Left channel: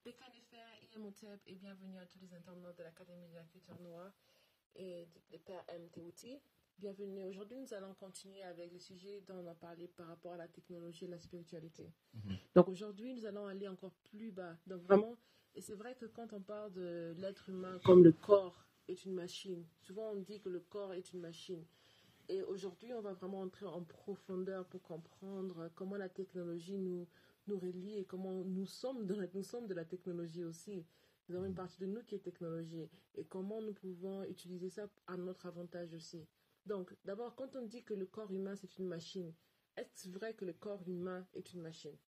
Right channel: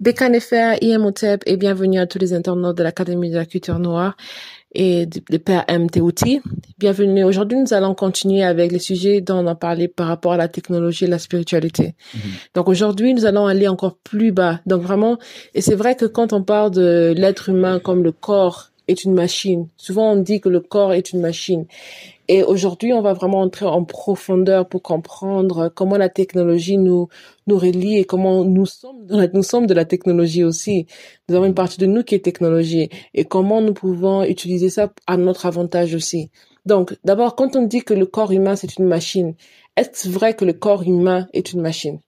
Bekanefer, Imhotep et bienvenue à tous les internautes de l'Académie de la culture noire et des pères MTOT. Bienvenue. Aujourd'hui, nous allons continuer avec les sujets dont on a parlé par rapport à la technologie et la spiritualité. Donc aujourd'hui, nous allons aller encore plus bas. Donc vraiment, et c'est vrai que quand on parle de l'être humain comme le corps est une machine, souvent on dit que le corps est une machine. Et aujourd'hui, on va vraiment entrer en profondeur pour comprendre comment la technologie nous relie et comment nous sommes de la technologie aussi. Nous avons une partie de nous qui est technologie et comment nous pouvons utiliser ça à notre avantage aussi. Donc, d'abord, quand on dit que le corps humain, c'est une machine, est-ce vrai que le corps humain est une machine?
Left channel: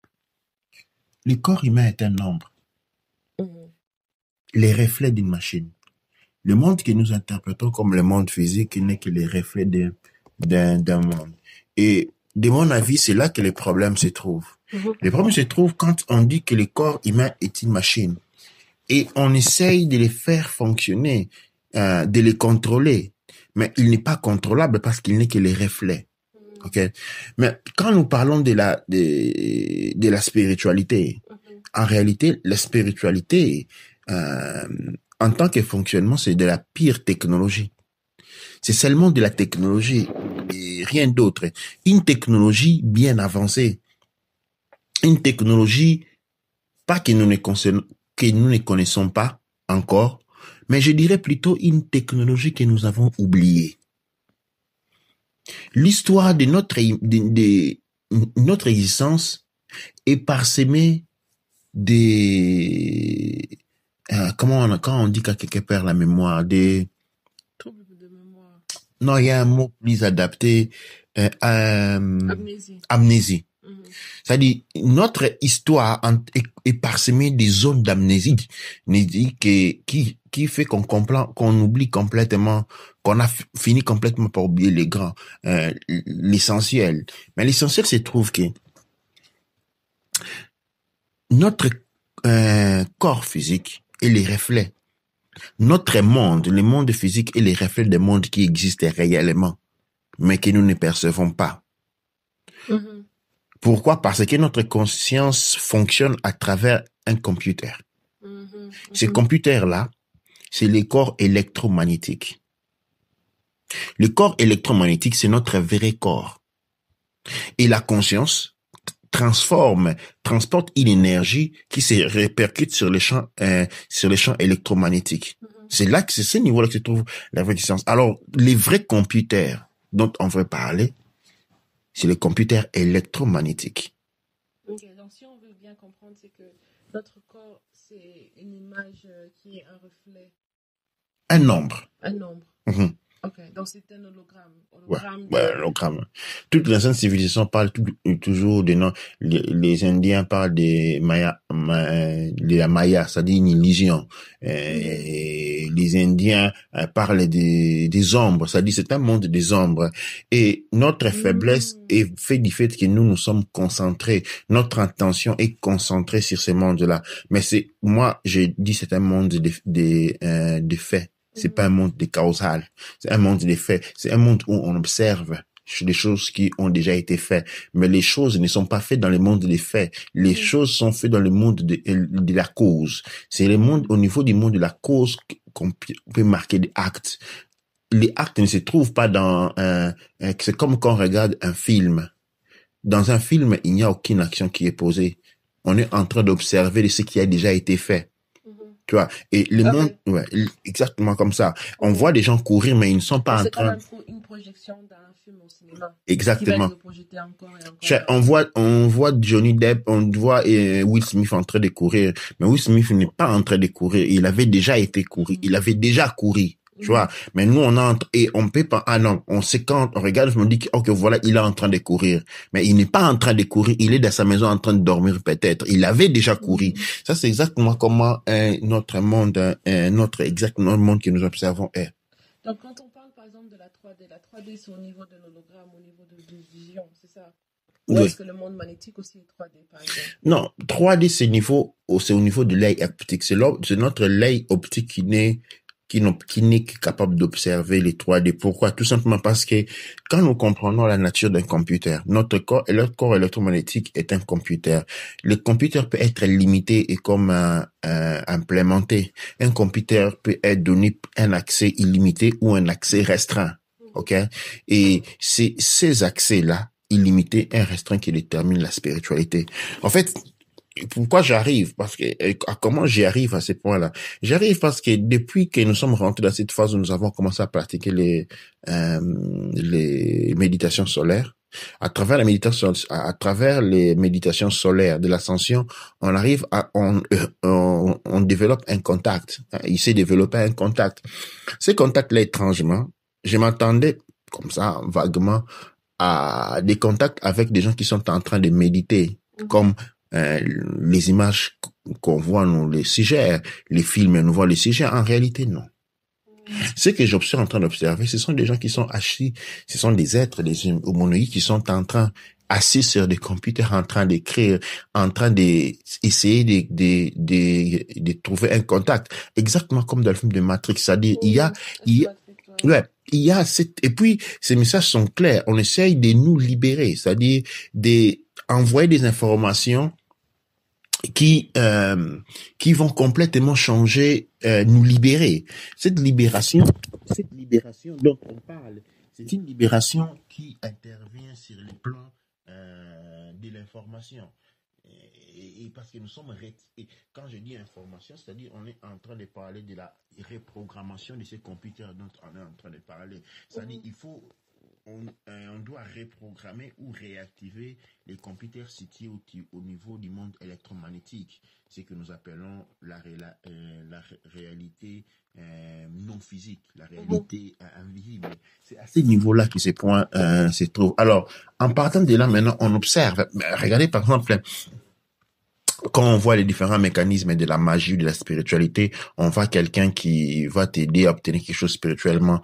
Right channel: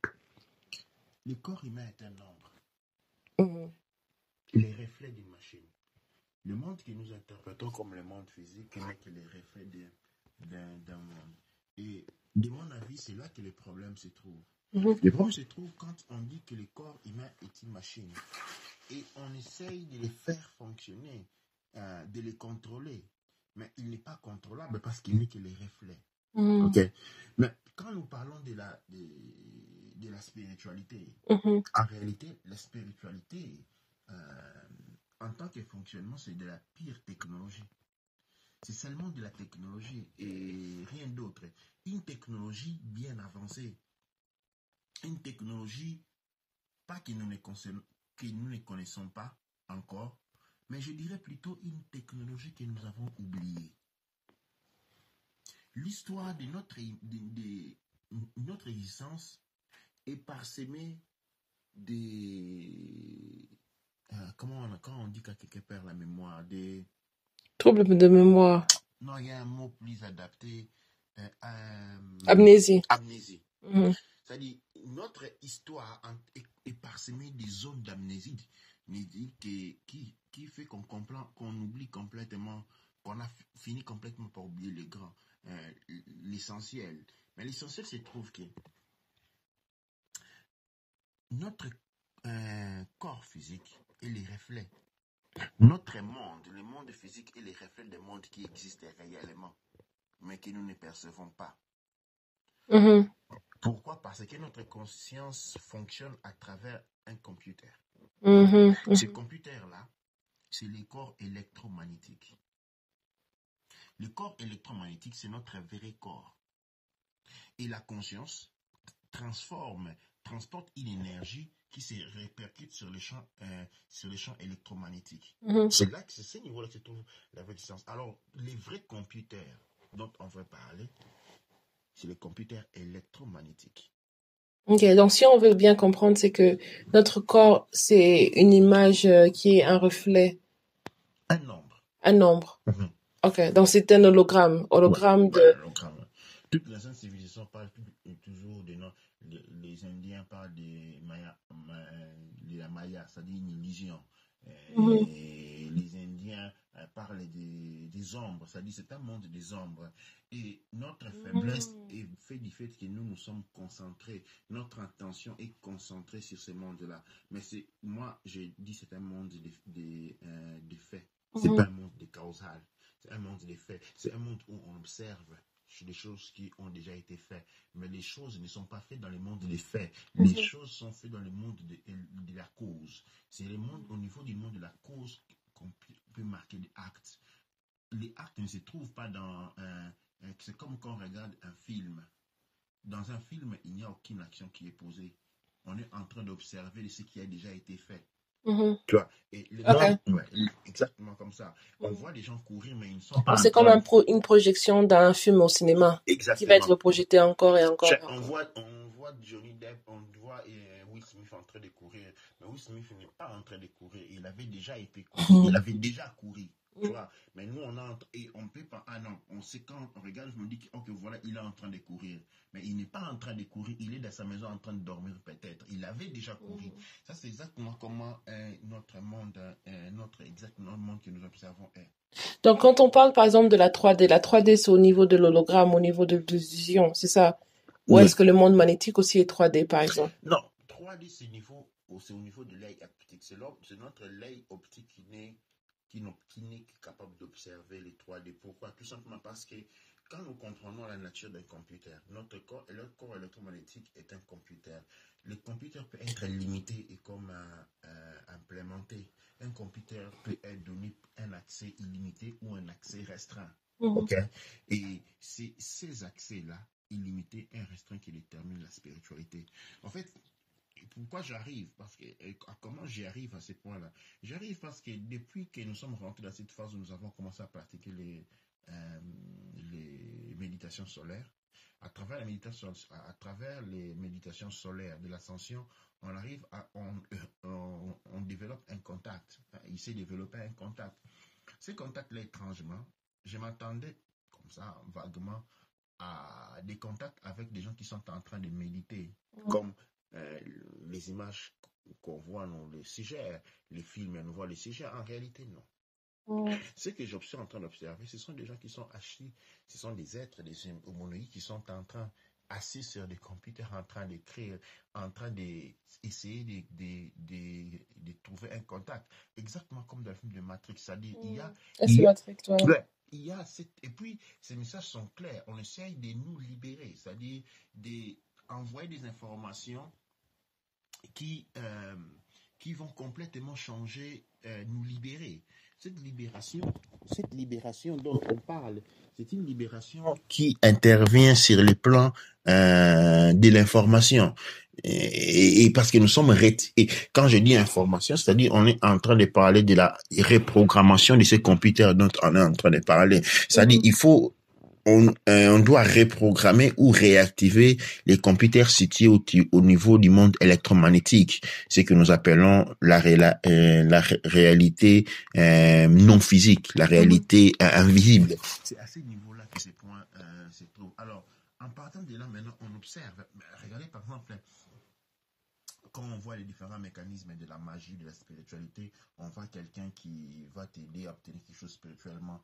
Le corps humain est un nombre, Mhm. les reflets d'une machine. Le monde que nous interprétons comme le monde physique n'est que les reflets d'un monde. Et de mon avis, c'est là que les problèmes se trouvent. Les problèmes se trouvent quand on dit que le corps humain est une machine et on essaye de les faire fonctionner, de les contrôler. Mais il n'est pas contrôlable parce qu'il n'est que les reflets. Okay? Mais quand nous parlons de la spiritualité, en réalité, la spiritualité, en tant que fonctionnement, c'est de la pire technologie. C'est seulement de la technologie et rien d'autre. Une technologie bien avancée. Une technologie, pas que nous ne connaissons pas encore, mais je dirais plutôt une technologie que nous avons oubliée. L'histoire de notre existence est parsemée des... quand on dit qu'à quelqu'un perd la mémoire, des... Trouble de mémoire. Non, il y a un mot plus adapté. Amnésie. Amnésie. C'est-à-dire, notre histoire est parsemée des zones d'amnésie qui fait qu'on oublie complètement, qu'on a fini complètement par oublier les grands, l'essentiel. Mais l'essentiel se trouve que notre corps physique est les reflets. Notre monde, le monde physique est les reflets des mondes qui existent réellement, mais que nous ne percevons pas. Pourquoi? Parce que notre conscience fonctionne à travers un computer. Ce computer-là, c'est le corps électromagnétique. Le corps électromagnétique, c'est notre vrai corps. Et la conscience transporte une énergie qui se répercute sur les champs électromagnétiques. C'est ce niveau-là que se trouve la vraie conscience. Alors, les vrais computers dont on veut parler, c'est les computers électromagnétiques. Ok, donc si on veut bien comprendre, c'est que notre corps, c'est une image qui est un reflet. Un nombre. Un nombre. Ok, donc c'est un hologramme. Hologramme hologramme. Toutes les anciennes civilisations parlent toujours de noms. Les Indiens parlent de la Maya, c'est-à-dire une illusion. Les Indiens parlent des ombres, c'est-à-dire c'est un monde des ombres. Et notre faiblesse est fait du fait que nous sommes concentrés. Notre attention est concentrée sur ce monde-là. Mais moi, je dis c'est un monde de faits. C'est pas un monde de causal, c'est un monde des faits, c'est un monde où on observe des choses qui ont déjà été faites, mais les choses ne sont pas faites dans le monde des faits, les choses sont faites dans le monde de la cause. C'est le monde, au niveau du monde de la cause qu'on peut marquer des actes. Les actes ne se trouvent pas c'est comme quand on regarde un film. Dans un film, il n'y a aucune action qui est posée. On est en train d'observer ce qui a déjà été fait. Tu vois, et le monde, exactement comme ça. On voit des gens courir, mais ils ne sont pas en train... C'est comme une projection d'un film au cinéma. Exactement. Qui va être projeté encore et encore. On voit Johnny Depp, on voit Will Smith en train de courir, mais Will Smith n'est pas en train de courir. Il avait déjà été couru. Il avait déjà couru. Tu vois, mais nous, on peut pas, non, on sait quand on regarde, je me dis que, ok, voilà, il est en train de courir. Mais il n'est pas en train de courir, il est dans sa maison en train de dormir peut-être. Il avait déjà couru. Ça, c'est exactement comment notre monde, notre monde que nous observons est. Donc, quand on parle, par exemple, de la 3D, c'est au niveau de l'hologramme, au niveau de l'illusion, c'est ça? Ou est-ce que le monde magnétique aussi est 3D, par exemple? Non, 3D, c'est au niveau de l'œil optique. C'est notre l'œil optique qui n'est qui n'est que capable d'observer les 3D. Pourquoi? Tout simplement parce que quand nous comprenons la nature d'un computer, notre corps électromagnétique est un computer. Le computer peut être limité et comme implémenté. Un computer peut être donné un accès illimité ou un accès restreint. OK? Et c'est ces accès-là, illimités et restreints, qui déterminent la spiritualité. En fait, pourquoi j'arrive? Parce que comment j'y arrive à ce point-là? J'arrive parce que depuis que nous sommes rentrés dans cette phase où nous avons commencé à pratiquer les méditations solaires, à travers les méditations solaires de l'ascension, on arrive on développe un contact. Il s'est développé un contact. Ce contact-là, étrangement, je m'attendais comme ça, vaguement, à des contacts avec des gens qui sont en train de méditer, comme les images qu'on voit nous les suggèrent, les films nous voient les suggèrent. En réalité, non. Ce que j'observe en train d'observer, ce sont des gens qui sont assis, ce sont des êtres, des humanoïdes qui sont en train, assis sur des computers, en train d'écrire, en train d'essayer de trouver un contact. Exactement comme dans le film de Matrix. C'est-à-dire, il y a et puis, ces messages sont clairs. On essaye de nous libérer. C'est-à-dire, d'envoyer des informations qui vont complètement changer, nous libérer. Cette libération dont on parle, c'est une libération qui intervient sur les plans de l'information. Et parce que nous sommes et quand je dis information, c'est-à-dire on est en train de parler de la reprogrammation de ces computers dont on est en train de parler. C'est-à-dire on doit reprogrammer ou réactiver les computers situés au niveau du monde électromagnétique, ce que nous appelons la réalité non physique, la réalité invisible. C'est à ce niveau-là que ces points se trouvent. Alors, en partant de là, maintenant, on observe. Regardez, par exemple, quand on voit les différents mécanismes de la magie ou de la spiritualité, on voit quelqu'un qui va t'aider à obtenir quelque chose spirituellement.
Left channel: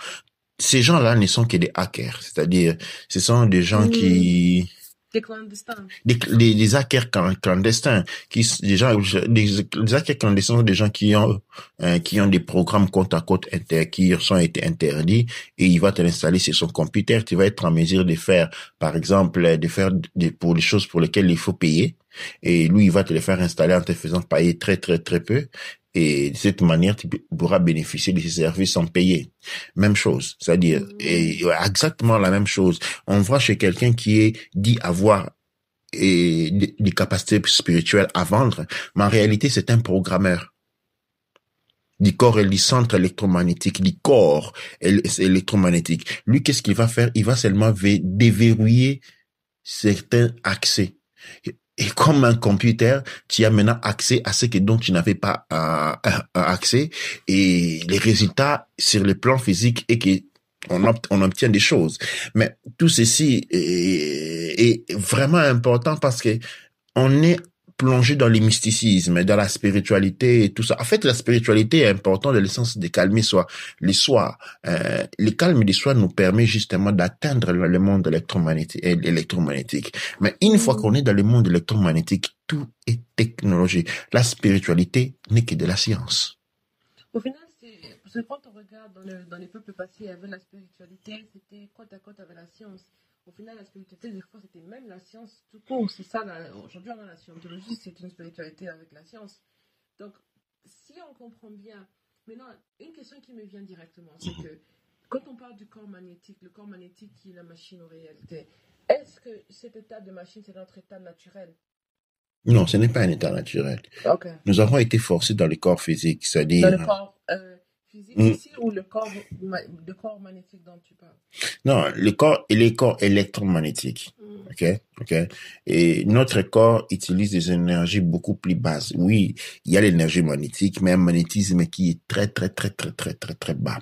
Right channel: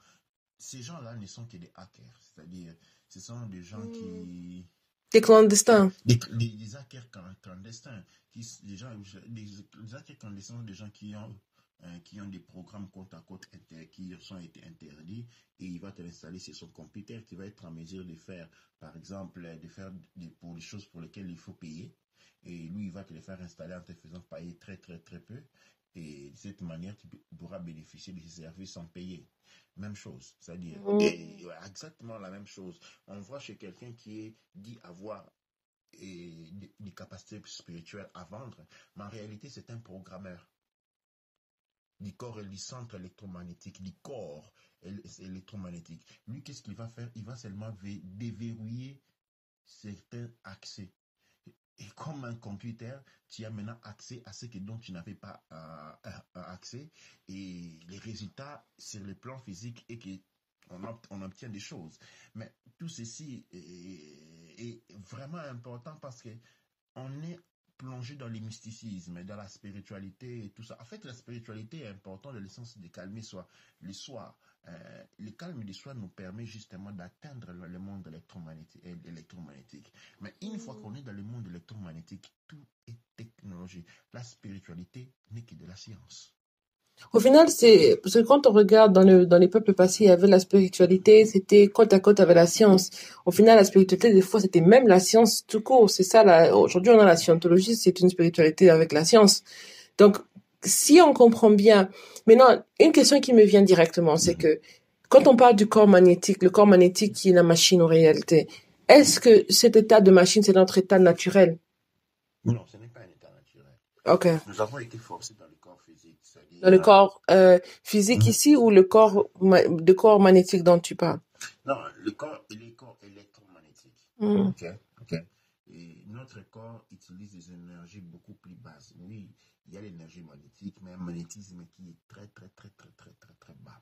Ces gens-là ne sont que des hackers, c'est-à-dire, ce sont des gens qui... Des clandestins. Des hackers clandestins. Des hackers clandestins sont des gens qui ont des programmes côte à côte qui ont été interdits et il va te l'installer sur son computer. Tu vas être en mesure de faire, par exemple, pour les choses pour lesquelles il faut payer. Et lui, il va te les faire installer en te faisant payer très, très, très peu. Et de cette manière, tu pourras bénéficier de ces services sans payer. Même chose, c'est-à-dire exactement la même chose. On voit chez quelqu'un qui est dit avoir des capacités spirituelles à vendre, mais en réalité, c'est un programmeur du corps et du centre électromagnétique, du corps électromagnétique. Lui, qu'est-ce qu'il va faire? Il va seulement déverrouiller certains accès. Et comme un computer, tu as maintenant accès à ce dont tu n'avais pas accès. Et les résultats sur le plan physique est on obtient des choses. Mais tout ceci est vraiment important parce que on est plongé dans le mysticisme, dans la spiritualité et tout ça. En fait, la spiritualité est importante dans le sens de calmer les soi. Le calme du soi nous permet justement d'atteindre le monde électromagnétique. Mais une fois qu'on est dans le monde électromagnétique, tout est technologie. La spiritualité n'est que de la science. Au final, parce que quand on regarde dans les peuples passés, il y avait la spiritualité, c'était côte à côte avec la science. Au final, la spiritualité, des fois, c'était même la science tout court. C'est ça, aujourd'hui, on a la scientologie, c'est une spiritualité avec la science. Donc, si on comprend bien, maintenant, une question qui me vient directement, c'est que quand on parle du corps magnétique, le corps magnétique qui est la machine en réalité, est-ce que cet état de machine, c'est notre état naturel? Non, ce n'est pas un état naturel. Okay. Nous avons été forcés dans le corps physique, c'est-à-dire... Dans le corps physique ici ou le corps magnétique dont tu parles? Non, les corps électromagnétiques. OK? Et notre corps utilise des énergies beaucoup plus basses. Oui, il y a l'énergie magnétique, mais un magnétisme qui est très, très, très, très, très, très, très bas.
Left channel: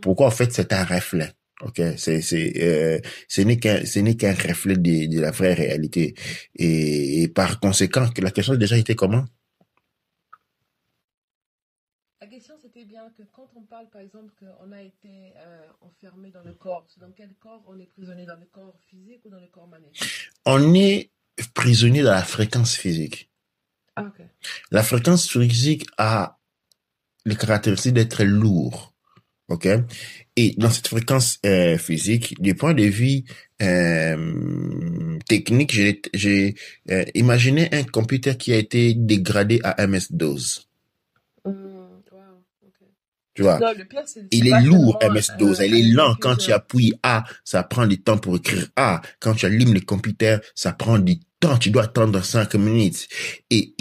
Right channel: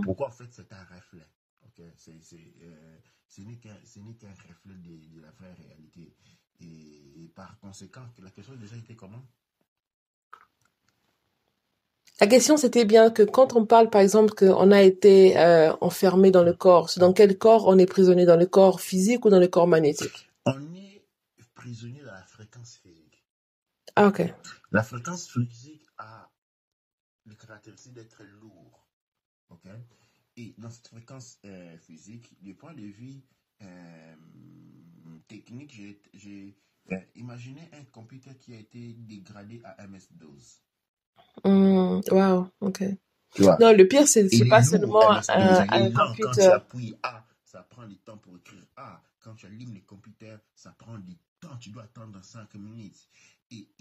Pourquoi? En fait, c'est un reflet. OK, ce n'est qu'un reflet de la vraie réalité. Et par conséquent, la question a déjà été comment? La question, c'était bien que quand on parle, par exemple, qu'on a été enfermé dans le corps, c'est dans quel corps on est prisonnier? Dans le corps physique ou dans le corps magnétique? On est prisonnier dans la fréquence physique. Ah, OK. La fréquence physique a les caractéristiques d'être lourd. OK? Et dans cette fréquence physique, du point de vue technique, j'ai imaginé un computer qui a été dégradé à MS-DOS. Wow, ok. Tu vois? Non, le pire, c'est Il est pas lourd, seulement MS-DOS. Il est un lent. Quand tu computer. appuies A, ça prend du temps pour écrire A. Quand tu allumes le computer, ça prend du temps. Tu dois attendre 5 minutes. Et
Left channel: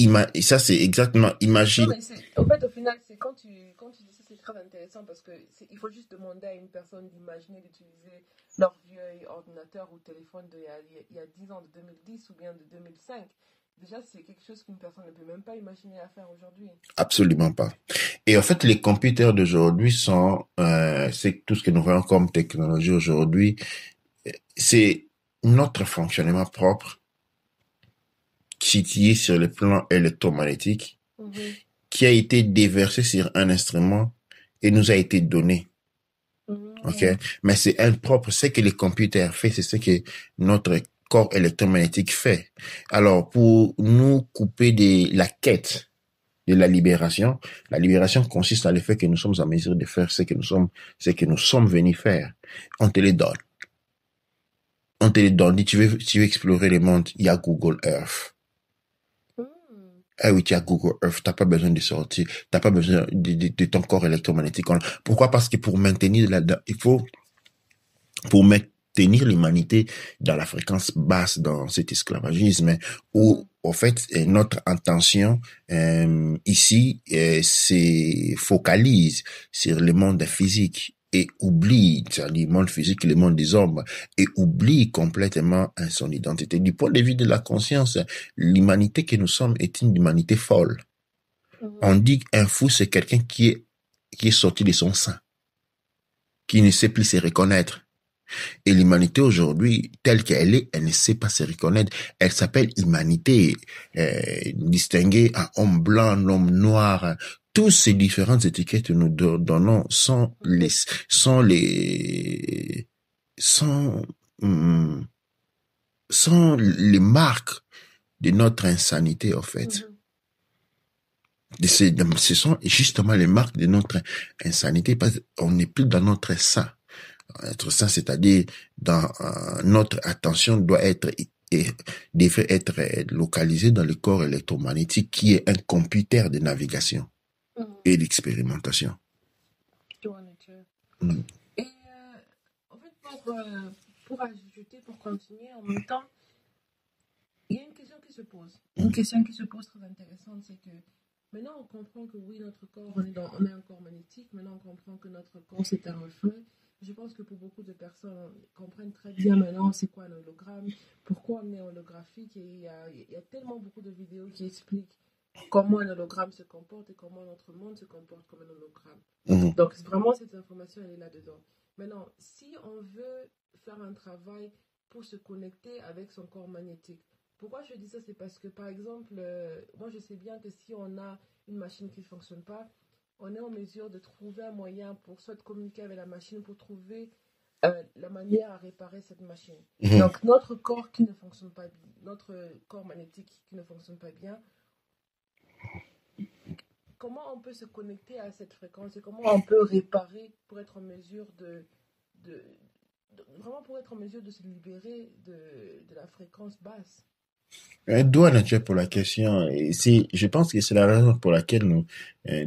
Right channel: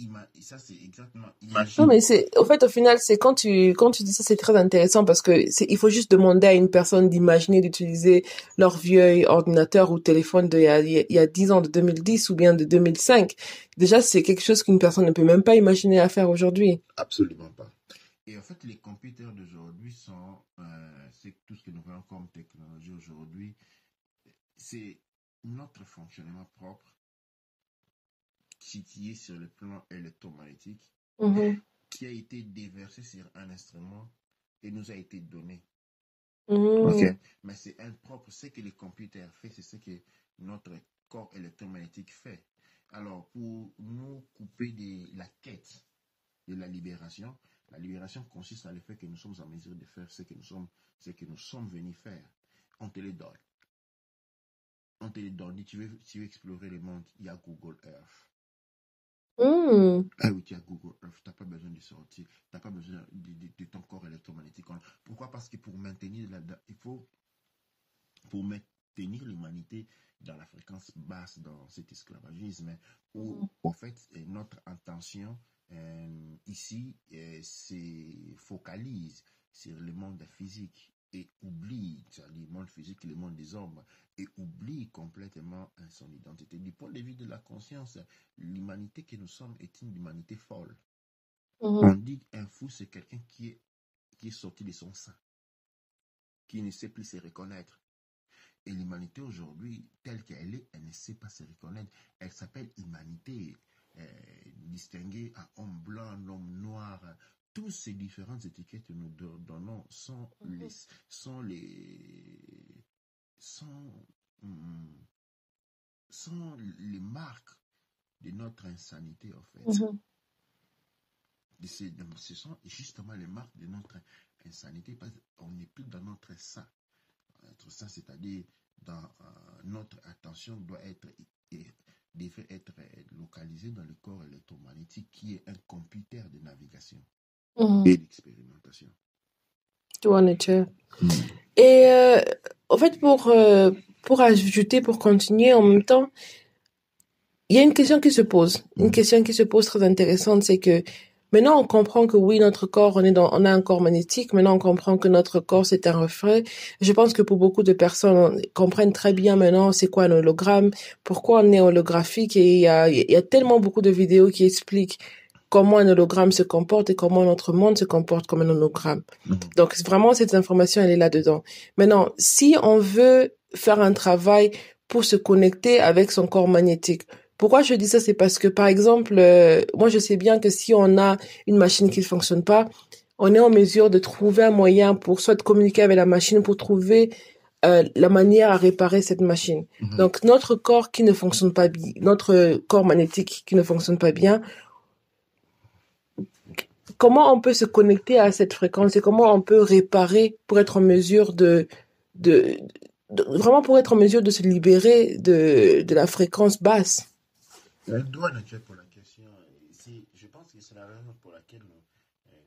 ça, c'est exactement, Non, imagine. mais au fait, au final, c'est quand tu dis ça, c'est très intéressant parce que il faut juste demander à une personne d'imaginer d'utiliser leur vieux ordinateur ou téléphone il y a 10 ans, de 2010 ou bien de 2005. Déjà, c'est quelque chose qu'une personne ne peut même pas imaginer à faire aujourd'hui. Absolument pas. Et en fait, les computers d'aujourd'hui c'est tout ce que nous voyons comme technologie aujourd'hui, c'est notre fonctionnement propre situé sur le plan électromagnétique Mhm, qui a été déversé sur un instrument et nous a été donné. OK? mhm, Mais c'est impropre. Ce que les computers font, c'est ce que notre corps électromagnétique fait. Alors, pour nous couper de la quête de la libération consiste à le fait que nous sommes en mesure de faire ce que nous sommes venus faire. On te les donne. On te les donne. Dit, tu veux explorer le monde, il y a Google Earth. mhm. Ah oui, tu as Google Earth, t'as pas besoin de sortir, t'as pas besoin de ton corps électromagnétique. Pourquoi? Parce que pour maintenir l'humanité dans la fréquence basse dans cet esclavagisme où, Mhm. en fait, notre intention ici se focalise sur le monde physique et oublie, c'est-à-dire le monde physique et le monde des hommes, et oublie complètement son identité. Du point de vue de la conscience, l'humanité que nous sommes est une humanité folle. On Mhm. dit qu'un fou, c'est quelqu'un qui est sorti de son sein, qui ne sait plus se reconnaître. Et l'humanité aujourd'hui, telle qu'elle est, elle ne sait pas se reconnaître. Elle s'appelle humanité, distinguée en homme blanc, homme noir. Tous ces différentes étiquettes que nous donnons sont, hum, sont les marques de notre insanité, en fait. Mhm. Ce sont justement les marques de notre insanité parce qu'on n'est plus dans notre sein. Être sain, c'est-à-dire dans notre attention devrait être localisée dans le corps électromagnétique qui est un computer de navigation Mhm. et d'expérimentation. Tu vois, nature. Mm. Et en fait, pour ajouter, pour continuer en même temps, il y a une question qui se pose. Une Mm. question qui se pose très intéressante, c'est que maintenant on comprend que oui, notre corps, on a un corps magnétique. Maintenant on comprend que notre corps, c'est un reflet. Je pense que pour beaucoup de personnes, on comprennent très bien maintenant c'est quoi un hologramme, pourquoi on est holographique et il y a tellement beaucoup de vidéos qui expliquent comment un hologramme se comporte et comment notre monde se comporte comme un hologramme. Mm. Donc vraiment, cette information, elle est là-dedans. Maintenant, si on veut faire un travail pour se connecter avec son corps magnétique, pourquoi je dis ça? C'est parce que, par exemple, moi, je sais bien que si on a une machine qui ne fonctionne pas, on est en mesure de trouver un moyen pour soit de communiquer avec la machine, pour trouver la manière à réparer cette machine. Mm. Donc, notre corps qui ne fonctionne pas bien, notre corps magnétique qui ne fonctionne pas bien, comment on peut se connecter à cette fréquence et comment on peut réparer pour être en mesure de, vraiment pour être en mesure de se libérer de la fréquence basse. Un doigt naturel pour la question. Et je pense que c'est la raison pour laquelle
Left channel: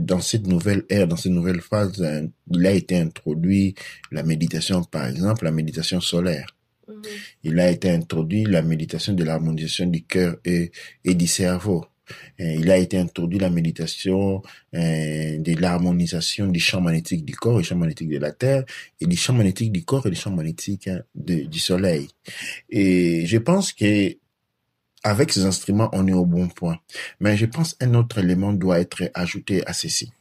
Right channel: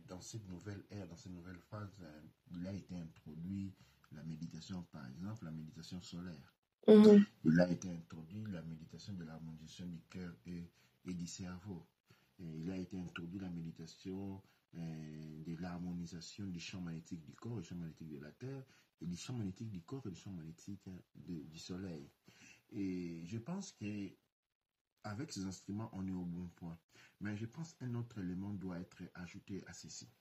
dans cette nouvelle ère, dans cette nouvelle phase, il a été introduit la méditation, par exemple, la méditation solaire. Mhm, Il a été introduit la méditation de l'harmonisation du cœur et du cerveau. Il a été introduit la méditation de l'harmonisation du champ magnétique du corps et du champ magnétique de la Terre et du champ magnétique du corps et du champ magnétique du Soleil. Et je pense que avec ces instruments, on est au bon point. Mais je pense qu'un autre élément doit être ajouté à ceci.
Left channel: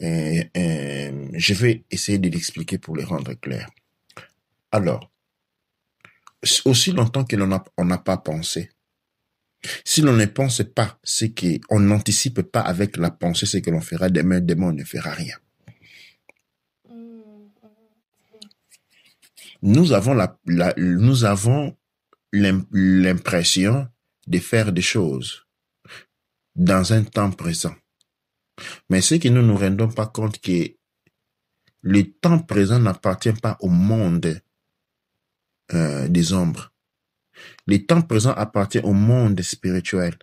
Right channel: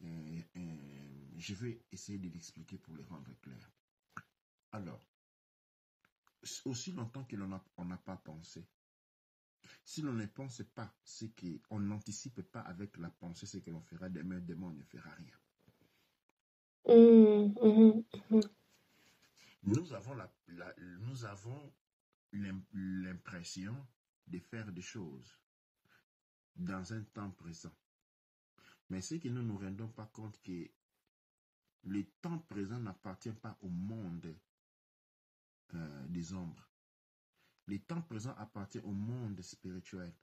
Je vais essayer de l'expliquer pour le rendre clair. Alors, aussi longtemps que on n'a pas pensé, si l'on ne pense pas on n'anticipe pas avec la pensée ce que l'on fera demain on ne fera rien. mhm, mhm, mhm. Nous avons nous avons l'impression de faire des choses dans un temps présent. Mais ce que nous ne nous rendons pas compte que le temps présent n'appartient pas au monde des ombres. Le temps présent appartient au monde spirituel.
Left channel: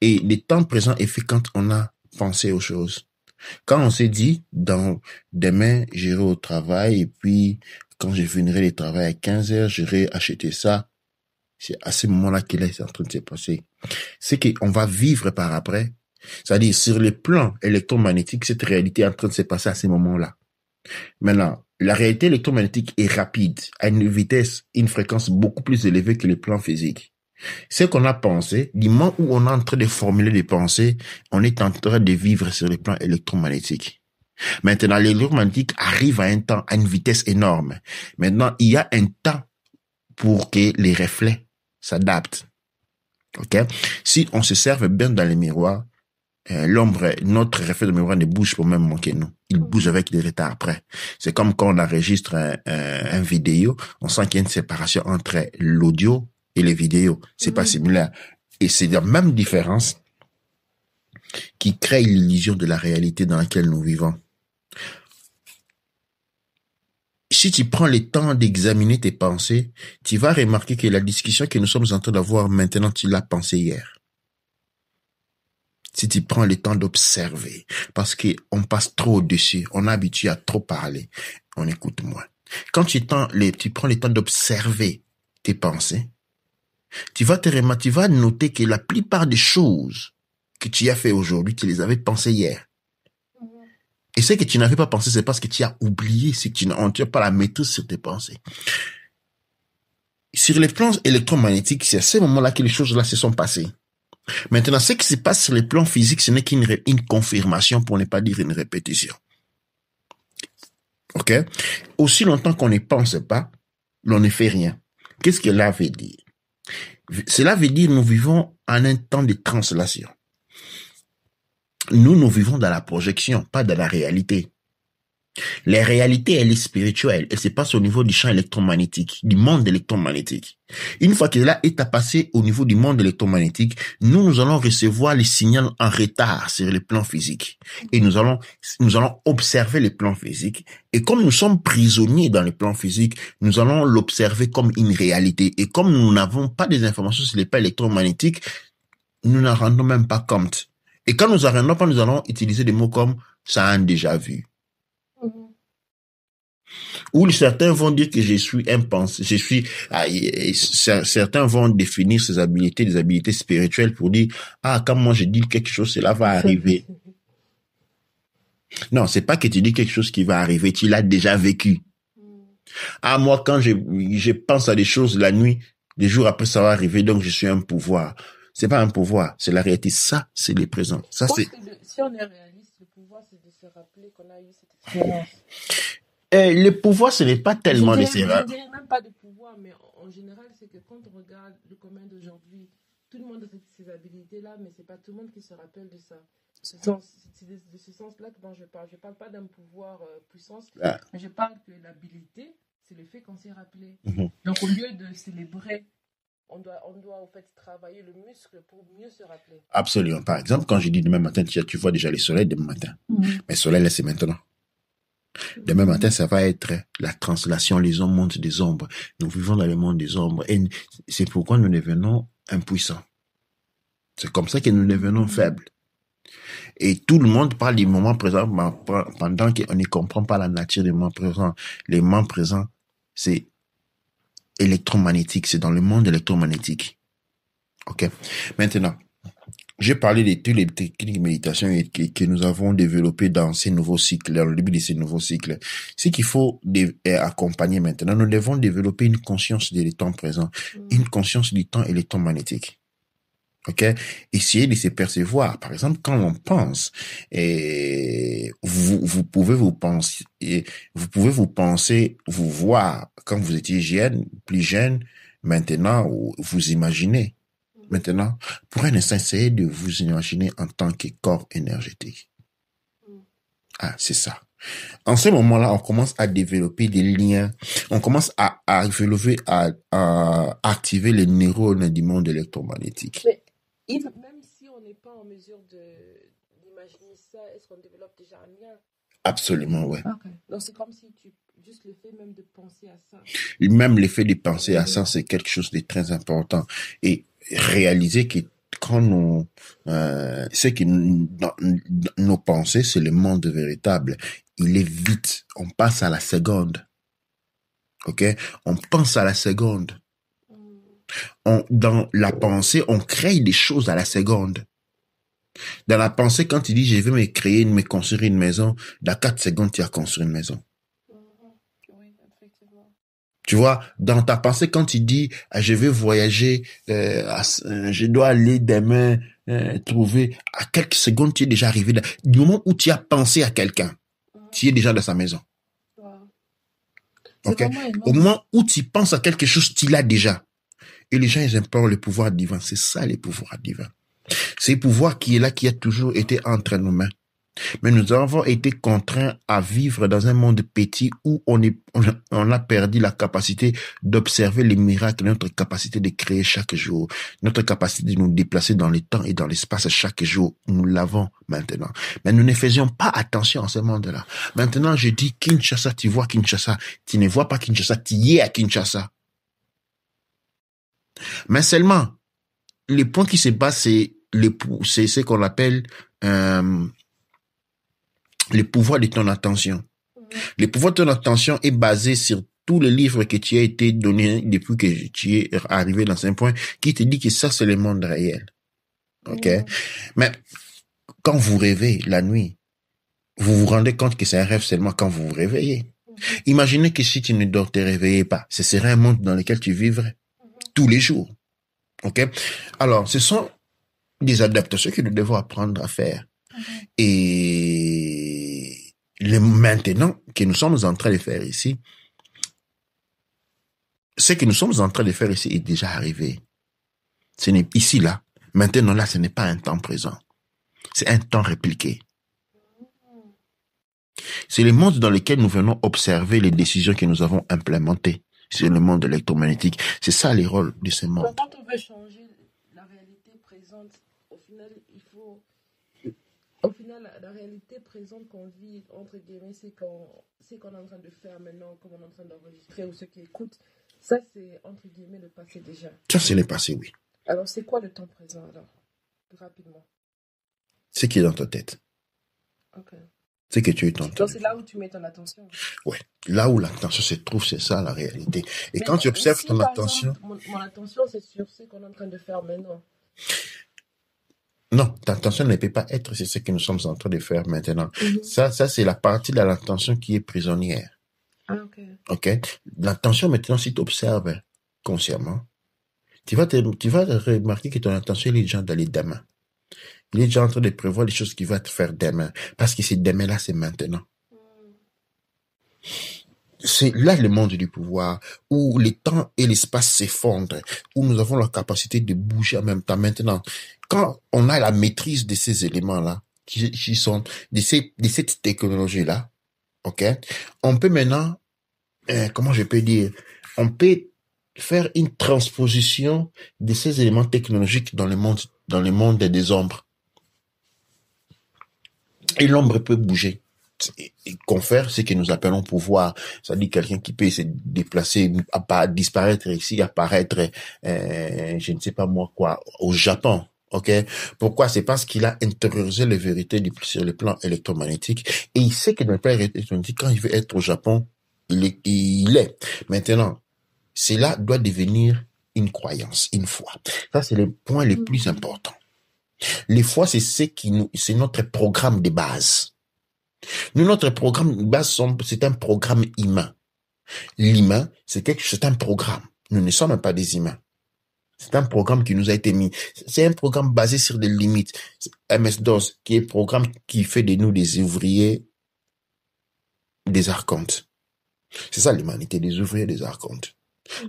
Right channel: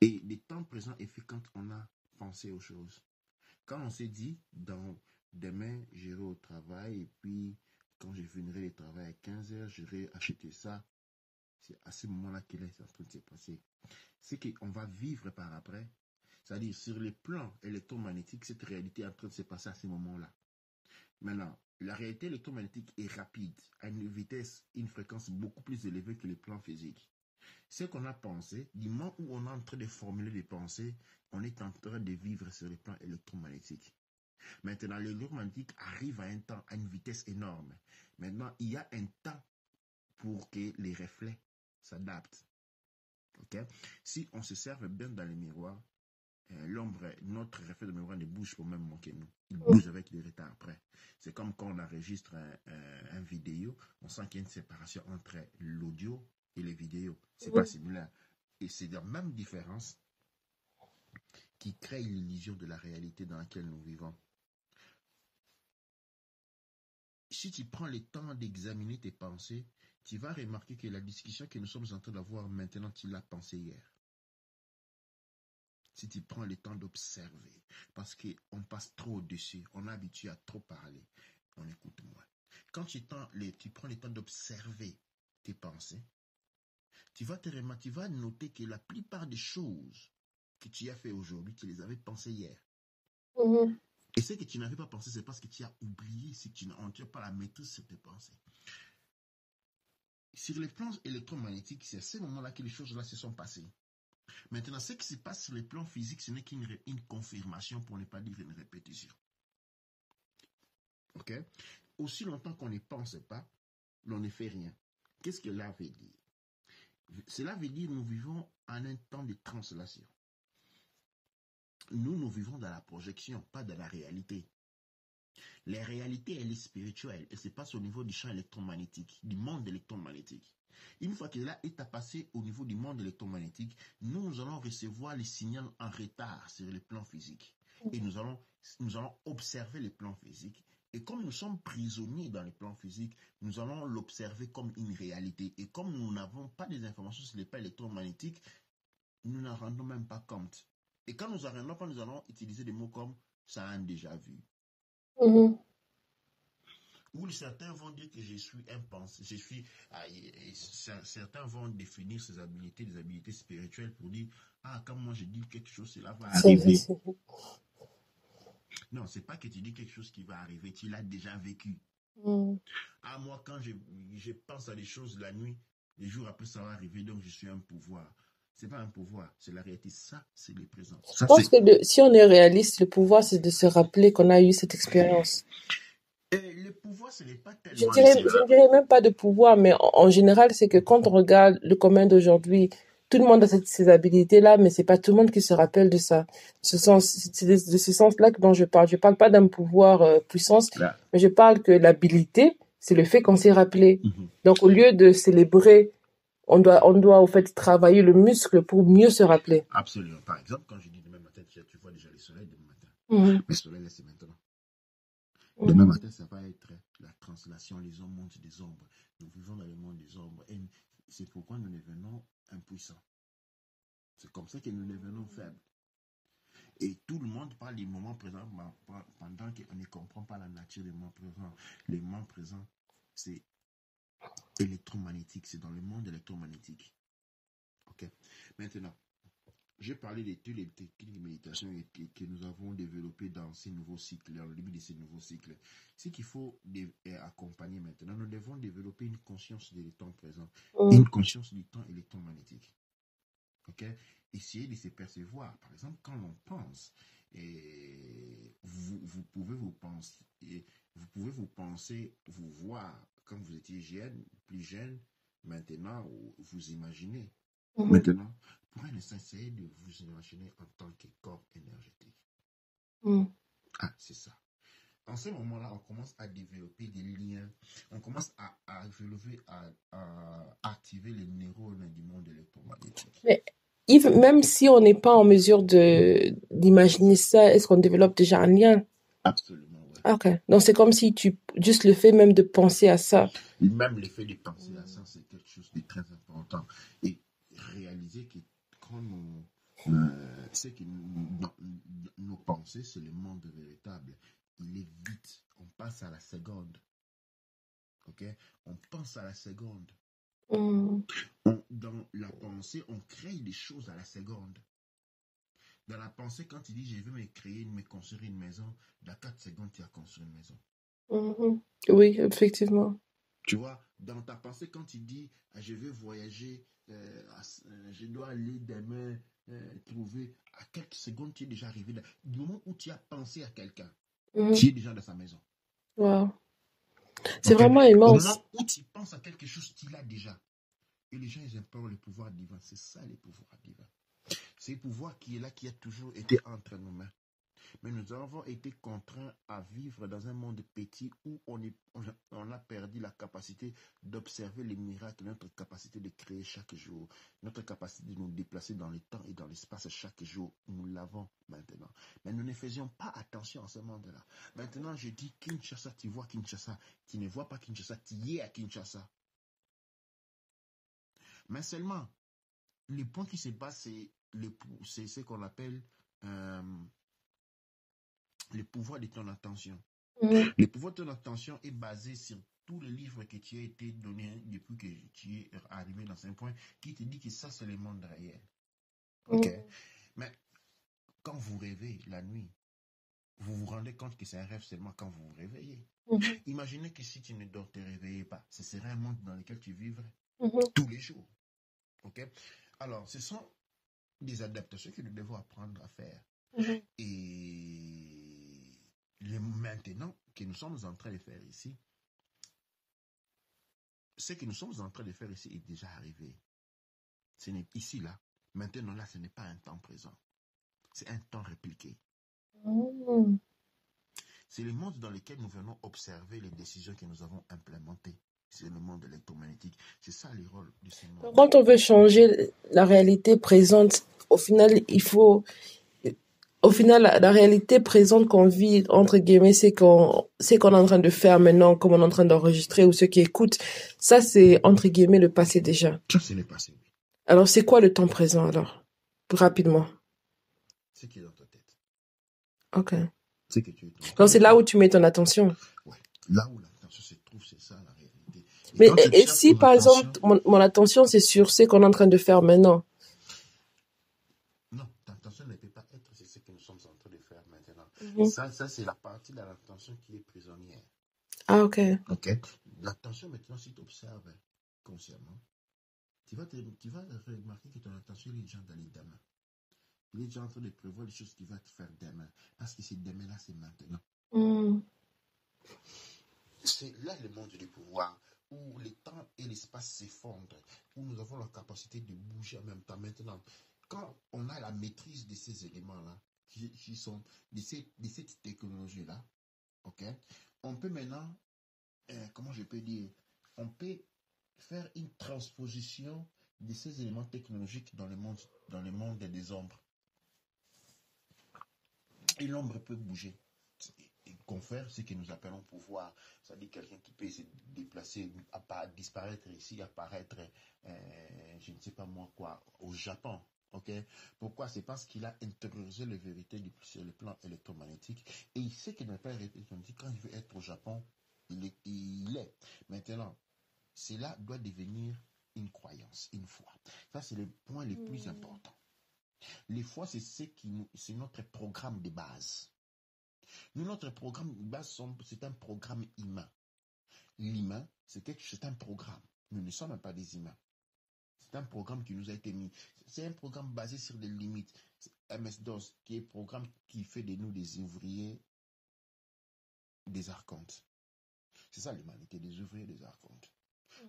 Et le temps présent est fait quand on a pensé aux choses. Quand on s'est dit, demain, j'irai au travail et puis quand je finirai le travail à 15 heures, j'irai acheter ça. C'est à ce moment-là qu'il est en train de se passer. C'est qu'on va vivre par après. C'est-à-dire, sur le plan électromagnétique, cette réalité est en train de se passer à ce moment-là. Maintenant, la réalité électromagnétique est rapide, à une vitesse, une fréquence beaucoup plus élevée que le plan physique. Ce qu'on a pensé, du moment où on est en train de formuler des pensées, on est en train de vivre sur le plan électromagnétique. Maintenant, l'électromagnétique arrive à un temps, à une vitesse énorme. Maintenant, il y a un temps pour que les reflets s'adaptent. Ok? Si on se serve bien dans les miroirs, l'ombre, notre reflet de miroir ne bouge pas même que nous. Il bouge avec des retards après. C'est comme quand on enregistre un vidéo, on sent qu'il y a une séparation entre l'audio et les vidéos. C'est pas similaire. Et c'est la même différence qui crée l'illusion de la réalité dans laquelle nous vivons. Si tu prends le temps d'examiner tes pensées, tu vas remarquer que la discussion que nous sommes en train d'avoir maintenant, tu l'as pensée hier. Si tu prends le temps d'observer, parce qu'on passe trop au-dessus, on est habitué à trop parler, on écoute moins. Quand tu prends le temps d'observer tes pensées, tu vas noter que la plupart des choses que tu as fait aujourd'hui, tu les avais pensées hier. Et ce que tu n'avais pas pensé, c'est parce que tu as oublié, c'est que tu n'as pas la maîtrise sur tes pensées. Sur les plans électromagnétiques, c'est à ce moment-là que les choses-là se sont passées. Maintenant, ce qui se passe sur les plans physiques, ce n'est qu'une confirmation, pour ne pas dire une répétition. Ok? Aussi longtemps qu'on ne pense pas, l'on ne fait rien. Qu'est-ce que cela veut dire? Cela veut dire que nous vivons en un temps de translation. Nous vivons dans la projection, pas dans la réalité. La réalité, elle est spirituelle. Elle se passe au niveau du champ électromagnétique, du monde électromagnétique. Une fois que cela est à passer au niveau du monde électromagnétique, nous allons recevoir les signaux en retard sur le plan physique. Et nous allons observer le plan physique. Et comme nous sommes prisonniers dans le plan physique, nous allons l'observer comme une réalité. Et comme nous n'avons pas des informations sur le plan électromagnétique, nous n'en rendons même pas compte. Et quand nous n'en rendons pas, nous allons utiliser des mots comme « ça a déjà vu ». Ou certains vont dire que je suis impensé, certains vont définir ces habiletés, des habiletés spirituelles pour dire, quand moi je dis quelque chose, cela va arriver. Non, c'est pas que tu dis quelque chose qui va arriver, tu l'as déjà vécu. Moi, quand je pense à des choses la nuit, des jours après, ça va arriver, donc je suis un pouvoir. C'est pas un pouvoir, c'est la réalité. Ça, c'est le présent. Je pense que si on est réaliste, le pouvoir, c'est de se rappeler qu'on a eu cette expérience. Le pouvoir, ce n'est pas tellement... Je ne dirais même pas de pouvoir, mais en général, c'est que quand on regarde le commun d'aujourd'hui, tout le monde a ces habilités-là, mais c'est pas tout le monde qui se rappelle de ça. C'est de ce sens-là dont je parle. Je parle pas d'un pouvoir puissance, mais je parle que l'habilité, c'est le fait qu'on s'est rappelé. Donc, au lieu de célébrer, on doit au fait travailler le muscle pour mieux se rappeler. Absolument. Par exemple, quand je dis demain matin, tu vois déjà le soleil demain matin. Mais le soleil, là, c'est maintenant. Demain matin, ça va être la translation, les ombres montent des ombres. Nous vivons dans le monde des ombres. Et c'est pourquoi nous devenons impuissants. C'est comme ça que nous devenons faibles. Et tout le monde parle du moment présent pendant qu'on ne comprend pas la nature du moment présent. Le moment présent, c'est électromagnétique. C'est dans le monde électromagnétique. OK? Maintenant, j'ai parlé de toutes les techniques de méditation que nous avons développées dans ces nouveaux cycles, dans le début de ces nouveaux cycles. Ce qu'il faut accompagner maintenant, nous devons développer une conscience du temps présent, une conscience du temps électromagnétique. OK? Essayez de se percevoir. Par exemple, quand on pense, vous pouvez vous penser, vous voir quand vous étiez plus jeune, maintenant, vous imaginez. Maintenant, pour un instant, essayez de vous imaginer en tant que corps énergétique. C'est ça. En ce moment-là, on commence à développer des liens. On commence à activer les neurones du monde électromagnétique. Mais Yves, même si on n'est pas en mesure d'imaginer ça, est-ce qu'on développe déjà un lien? Absolument, ouais. Ok. Donc, c'est comme si juste le fait même de penser à ça. Et même l'effet de penser à ça, c'est quelque chose de très important. Et réaliser que quand nos pensées, c'est le monde véritable. Il est vite. On passe à la seconde. OK? On pense à la seconde. Dans la pensée, on crée des choses à la seconde. Dans la pensée, quand tu dis, je vais me construire une maison, dans 4 secondes, tu as construit une maison. Oui, effectivement. Tu vois, dans ta pensée, quand tu dis, je vais voyager, je dois aller demain trouver, à quelques secondes, tu es déjà arrivé. Du moment où tu as pensé à quelqu'un, tu es déjà dans sa maison. Wow. C'est Okay? vraiment Au immense. moment où tu penses à quelque chose, tu l'as déjà. Et les gens, ils implorent le pouvoir divin. C'est ça, les pouvoirs divins. C'est le pouvoir qui est là, qui a toujours été entre nos mains. Mais nous avons été contraints à vivre dans un monde petit où on a perdu la capacité d'observer les miracles, notre capacité de créer chaque jour, notre capacité de nous déplacer dans le temps et dans l'espace chaque jour. Nous l'avons maintenant. Mais nous ne faisions pas attention à ce monde-là. Maintenant, je dis Kinshasa, tu vois Kinshasa. Tu ne vois pas Kinshasa, tu y es à Kinshasa. Mais seulement, les points qui se passent, c'est ce qu'on appelle le pouvoir de ton attention. Le pouvoir de ton attention est basé sur tous les livres que tu as été donné depuis que tu es arrivé dans un point qui te dit que ça, c'est le monde réel. OK? Mais quand vous rêvez la nuit, vous vous rendez compte que c'est un rêve seulement quand vous vous réveillez. Imaginez que si tu ne te réveillais pas, ce serait un monde dans lequel tu vivrais tous les jours. OK? Alors, ce sont des adaptations que nous devons apprendre à faire. Et maintenant que nous sommes en train de faire ici, ce que nous sommes en train de faire ici est déjà arrivé. Ce n'est ici, là. Maintenant, là, ce n'est pas un temps présent. C'est un temps répliqué. C'est le monde dans lequel nous venons observer les décisions que nous avons implémentées sur le monde électromagnétique. C'est ça les rôles de ce monde. Quand on veut changer la réalité présente, au final, la réalité présente qu'on vit, entre guillemets, c'est qu'on est en train de faire maintenant, comme on est en train d'enregistrer, ou ceux qui écoutent, ça, c'est, entre guillemets, le passé déjà. Ça, c'est le passé, oui. Alors, c'est quoi le temps présent, alors? Rapidement. Ce qui est dans ta tête. Ok. C'est que tu es ton. Donc, c'est là où tu mets ton attention. Oui. Là où l'attention se trouve, c'est ça, la réalité. Et mais quand tu observes si, ton par attention... exemple, mon attention, c'est sur ce qu'on est en train de faire maintenant. Non, ta attention ne peut pas être sur ce que nous sommes en train de faire maintenant. Ça, c'est la partie de l'attention qui est prisonnière. Ah, ok. OK? L'attention, maintenant, si tu observes consciemment, tu vas remarquer que ton attention, il est déjà dans les demain. Il est déjà en train de prévoir les choses qu'il va te faire demain. Parce que c'est demain-là, c'est maintenant. C'est là le monde du pouvoir, où le temps et l'espace s'effondrent, où nous avons la capacité de bouger en même temps. Maintenant, quand on a la maîtrise de ces éléments-là, qui sont de cette technologie-là, OK, on peut maintenant, comment je peux dire, on peut faire une transposition de ces éléments technologiques dans le monde des ombres. Et l'ombre peut bouger. Confère ce que nous appelons pouvoir, c'est-à-dire quelqu'un qui peut se déplacer, disparaître ici, apparaître, je ne sais pas moi quoi, au Japon. Ok? Pourquoi? C'est parce qu'il a intériorisé les vérités sur le plan électromagnétique et il sait que dans le plan électromagnétique, quand il veut être au Japon, il est. Maintenant, cela doit devenir une croyance, une foi. Ça, c'est le point le plus important. Les foi, c'est notre programme de base. Nous, notre programme de base, c'est un programme humain. L'humain, c'est un programme. Nous ne sommes pas des humains. C'est un programme qui nous a été mis. C'est un programme basé sur des limites. MS-DOS, qui est un programme qui fait de nous des ouvriers des archontes. C'est ça l'humanité, des ouvriers des archontes.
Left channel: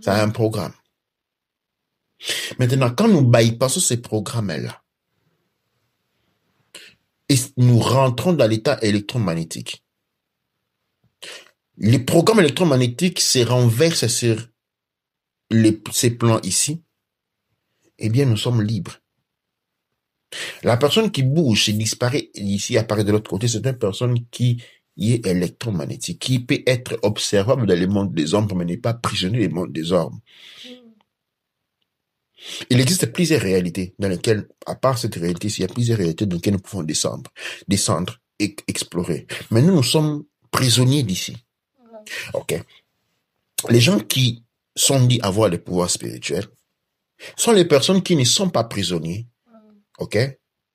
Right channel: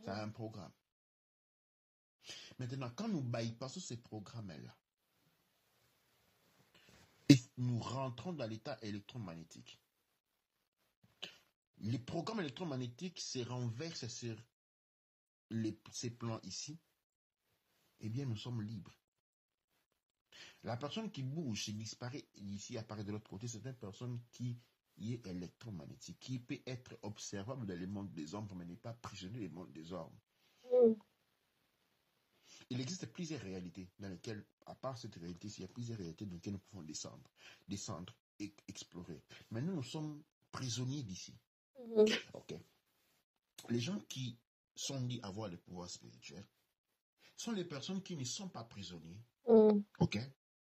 C'est un programme. Maintenant, quand nous bypassons ces programmes-là, et nous rentrons dans l'état électromagnétique, les programmes électromagnétiques se renversent sur ces plans ici, eh bien, nous sommes libres. La personne qui bouge et disparaît ici, apparaît de l'autre côté, c'est une personne qui électromagnétique qui peut être observable dans le monde des hommes, mais n'est pas prisonnier du monde des hommes. Il existe plusieurs réalités dans lesquelles, à part cette réalité, il y a plusieurs réalités dans lesquelles nous pouvons descendre et explorer. Mais nous sommes prisonniers d'ici. Ok. Les gens qui sont dits avoir le pouvoir spirituel sont les personnes qui ne sont pas prisonniers, ok,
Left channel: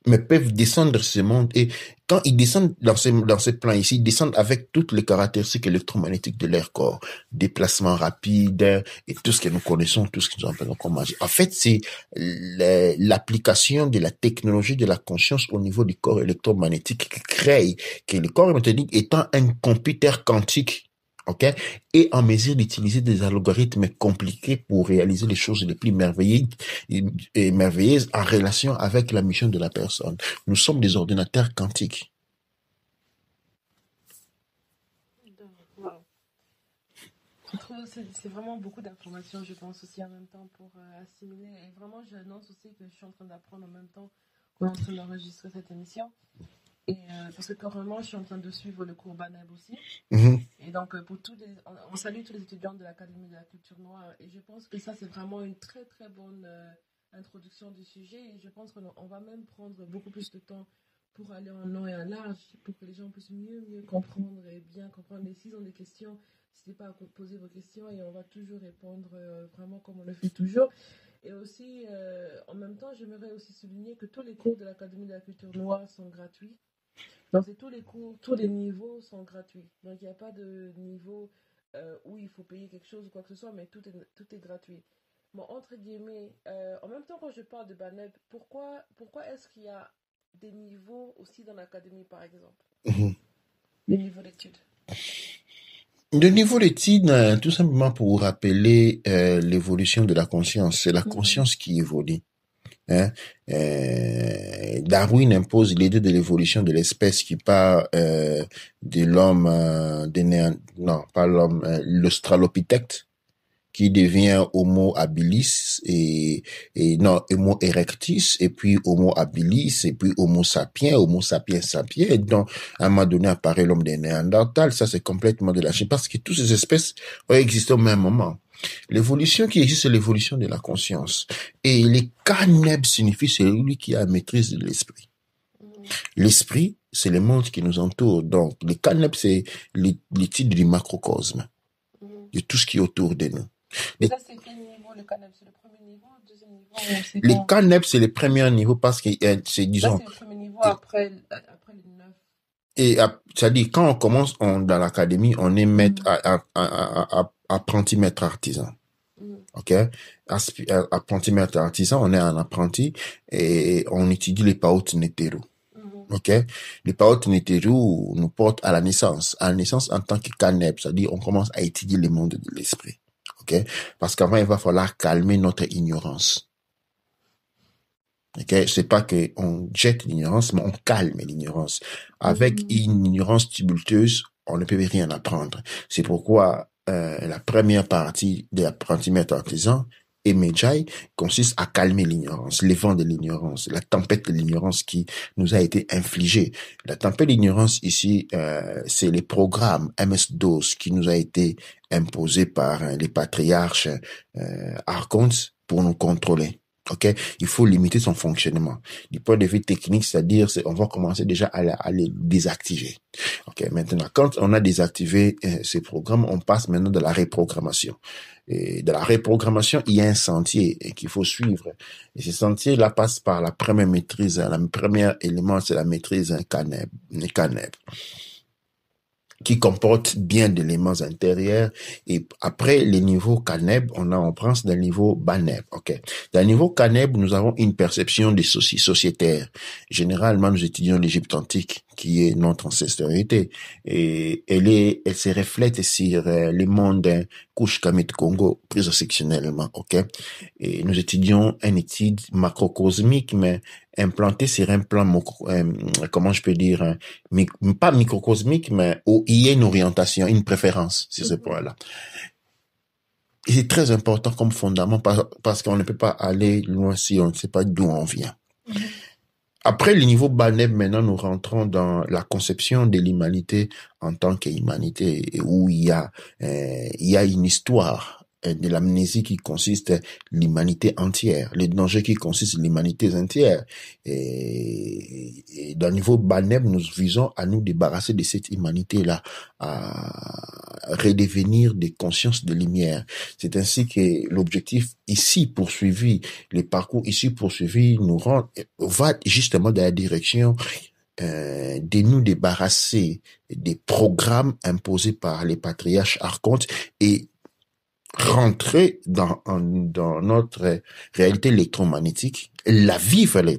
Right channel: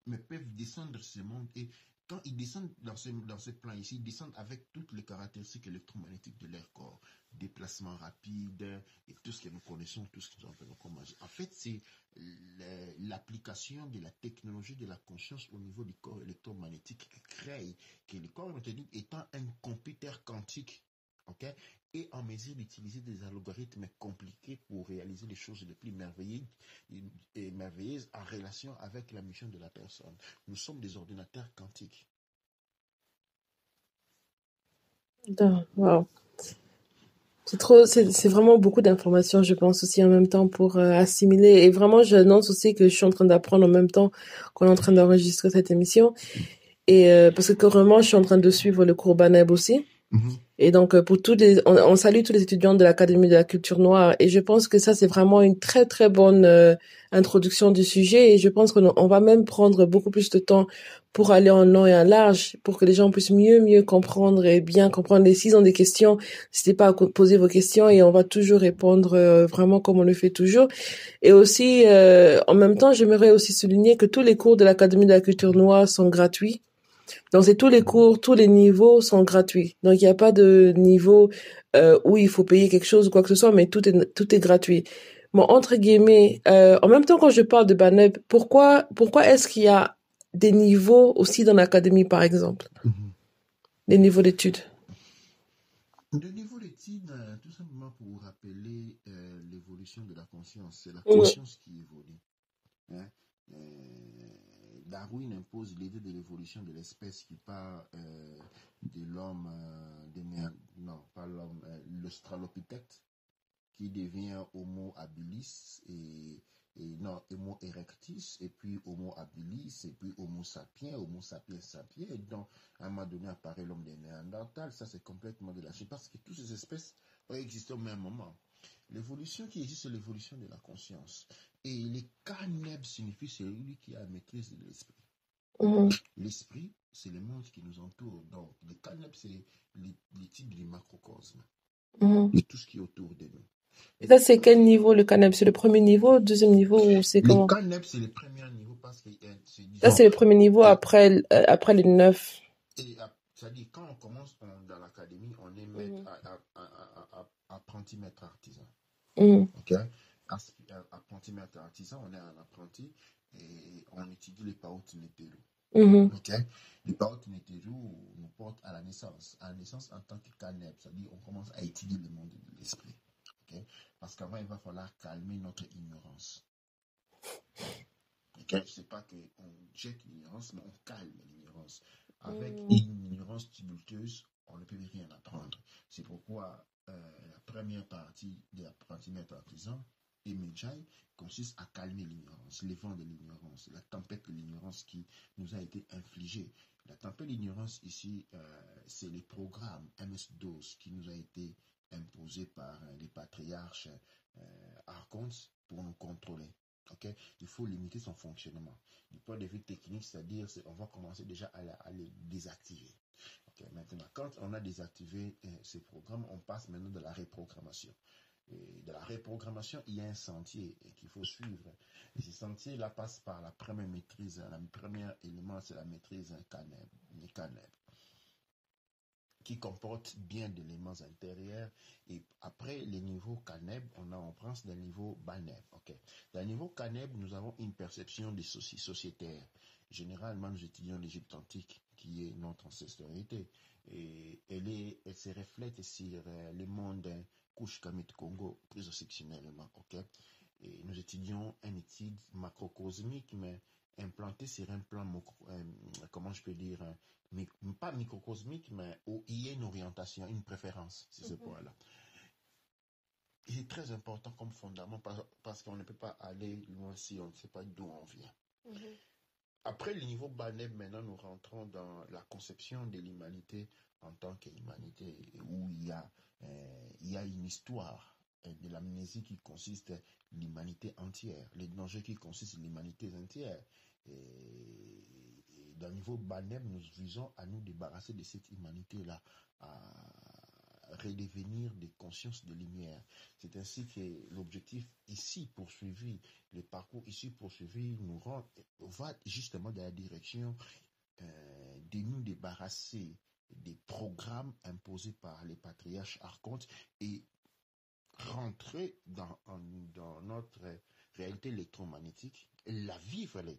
mais peuvent descendre de ce monde. Et quand ils descendent dans ce plan ici, ils descendent avec toutes les caractéristiques électromagnétiques de leur corps, déplacement rapide et tout ce que nous connaissons, tout ce que nous appelons comme magie. En fait, c'est l'application de la technologie de la conscience au niveau du corps électromagnétique qui crée que le corps électromagnétique étant un computer quantique, ok, et en mesure d'utiliser des algorithmes compliqués pour réaliser les choses les plus merveilleuses en relation avec la mission de la personne. Nous sommes des ordinateurs quantiques. Wow. C'est vraiment beaucoup d'informations, je pense aussi en même temps pour assimiler. Et vraiment, j'annonce aussi que je suis en train d'apprendre en même temps qu'on est en train d'enregistrer cette émission. Et parce que carrément, je suis en train de suivre le cours Baneb aussi. Et donc, pour on salue tous les étudiants de l'Académie de la culture noire. Et je pense que ça, c'est vraiment une très, très bonne introduction du sujet. Et je pense qu'on va même prendre beaucoup plus de temps pour aller en long et en large, pour que les gens puissent mieux comprendre et bien comprendre. Et s'ils ont des questions, n'hésitez pas à poser vos questions et on va toujours répondre vraiment comme on le fait toujours. Et aussi, en même temps, j'aimerais aussi souligner que tous les cours de l'Académie de la culture noire sont gratuits. Donc, c'est tous les cours, tous les niveaux sont gratuits. Donc, il n'y a pas de niveau où il faut payer quelque chose ou quoi que ce soit, mais tout est gratuit. Bon, entre guillemets, en même temps, quand je parle de Baneb, pourquoi est-ce qu'il y a des niveaux aussi dans l'académie, par exemple? Des niveaux d'études. Le niveau d'études, tout simplement pour vous rappeler l'évolution de la conscience. C'est la conscience qui évolue. Hein? Darwin impose l'idée de l'évolution de l'espèce qui part de l'homme, non, pas l'homme, l'Australopithèque, qui devient Homo habilis et non, Homo erectus, et puis Homo habilis, et puis Homo sapiens sapiens. Et donc, à un moment donné, apparaît l'homme des Néandertals. Ça, c'est complètement de la chimie, parce que toutes ces espèces ont existé au même moment. L'évolution qui existe, c'est l'évolution de la conscience. Et les Caneb signifie celui qui a maîtrise de l'esprit. L'esprit, c'est le monde qui nous entoure. Donc, les Caneb, c'est l'étude du macrocosme, de tout ce qui est autour de nous. Et ça, c'est quel niveau, le Caneb? C'est le premier niveau, le deuxième niveau, ou c'est les Caneb, c'est le premier niveau parce que c'est, disons... Là, c'est le premier niveau après les 9. Et c'est-à-dire, quand on commence dans l'académie, on est maître apprenti maître artisan. Ok? Apprenti maître artisan, on est un apprenti et on étudie les Paot Neteru. Ok? Les Paot Neteru nous portent à la naissance. À la naissance en tant que Caneb, c'est-à-dire, on commence à étudier le monde de l'esprit. Ok? Parce qu'avant, il va falloir calmer notre ignorance. Okay? C'est pas qu'on jette l'ignorance, mais on calme l'ignorance. Avec une ignorance tumultueuse, on ne peut rien apprendre. C'est pourquoi la première partie de l'apprenti maître artisan et Medjay consiste à calmer l'ignorance, les vents de l'ignorance, la tempête de l'ignorance qui nous a été infligée. La tempête de l'ignorance ici, c'est les programmes MS-DOS qui nous a été imposés par les patriarches archontes pour nous contrôler. Ok, il faut limiter son fonctionnement. Du point de vue technique, c'est-à-dire, on va commencer déjà à les désactiver. Ok, maintenant, quand on a désactivé ces programmes, on passe maintenant de la reprogrammation. Et de la reprogrammation, il y a un sentier qu'il faut suivre. Et ce sentier-là passe par la première maîtrise. Le premier élément, c'est la maîtrise Caneb, qui comporte bien d'éléments intérieurs. Et après les niveaux Caneb, on pense d'un niveau Baneb. Ok. Dans le niveau Caneb, nous avons une perception des sociétaires. Généralement, nous étudions l'Égypte antique, qui est notre ancestralité. Et elle se reflète sur le monde Kush Kamit Congo, plus sectionnellement. Ok. Et nous étudions une étude macrocosmique, mais implanté sur un plan, comment je peux dire, pas microcosmique, mais où il y a une orientation, une préférence sur ce point-là. Et c'est très important comme fondament parce qu'on ne peut pas aller loin si on ne sait pas d'où on vient. Après le niveau Baneb, maintenant, nous rentrons dans la conception de l'humanité en tant qu'humanité, où il y a une histoire de l'amnésie qui consiste l'humanité entière, le danger qui consiste l'humanité entière. Et dans le niveau Baneb, nous visons à nous débarrasser de cette humanité-là, à redevenir des consciences de lumière. C'est ainsi que l'objectif ici poursuivi, les parcours ici poursuivis va justement dans la direction de nous débarrasser des programmes imposés par les patriarches archontes et rentrer dans notre réalité électromagnétique, la vivre la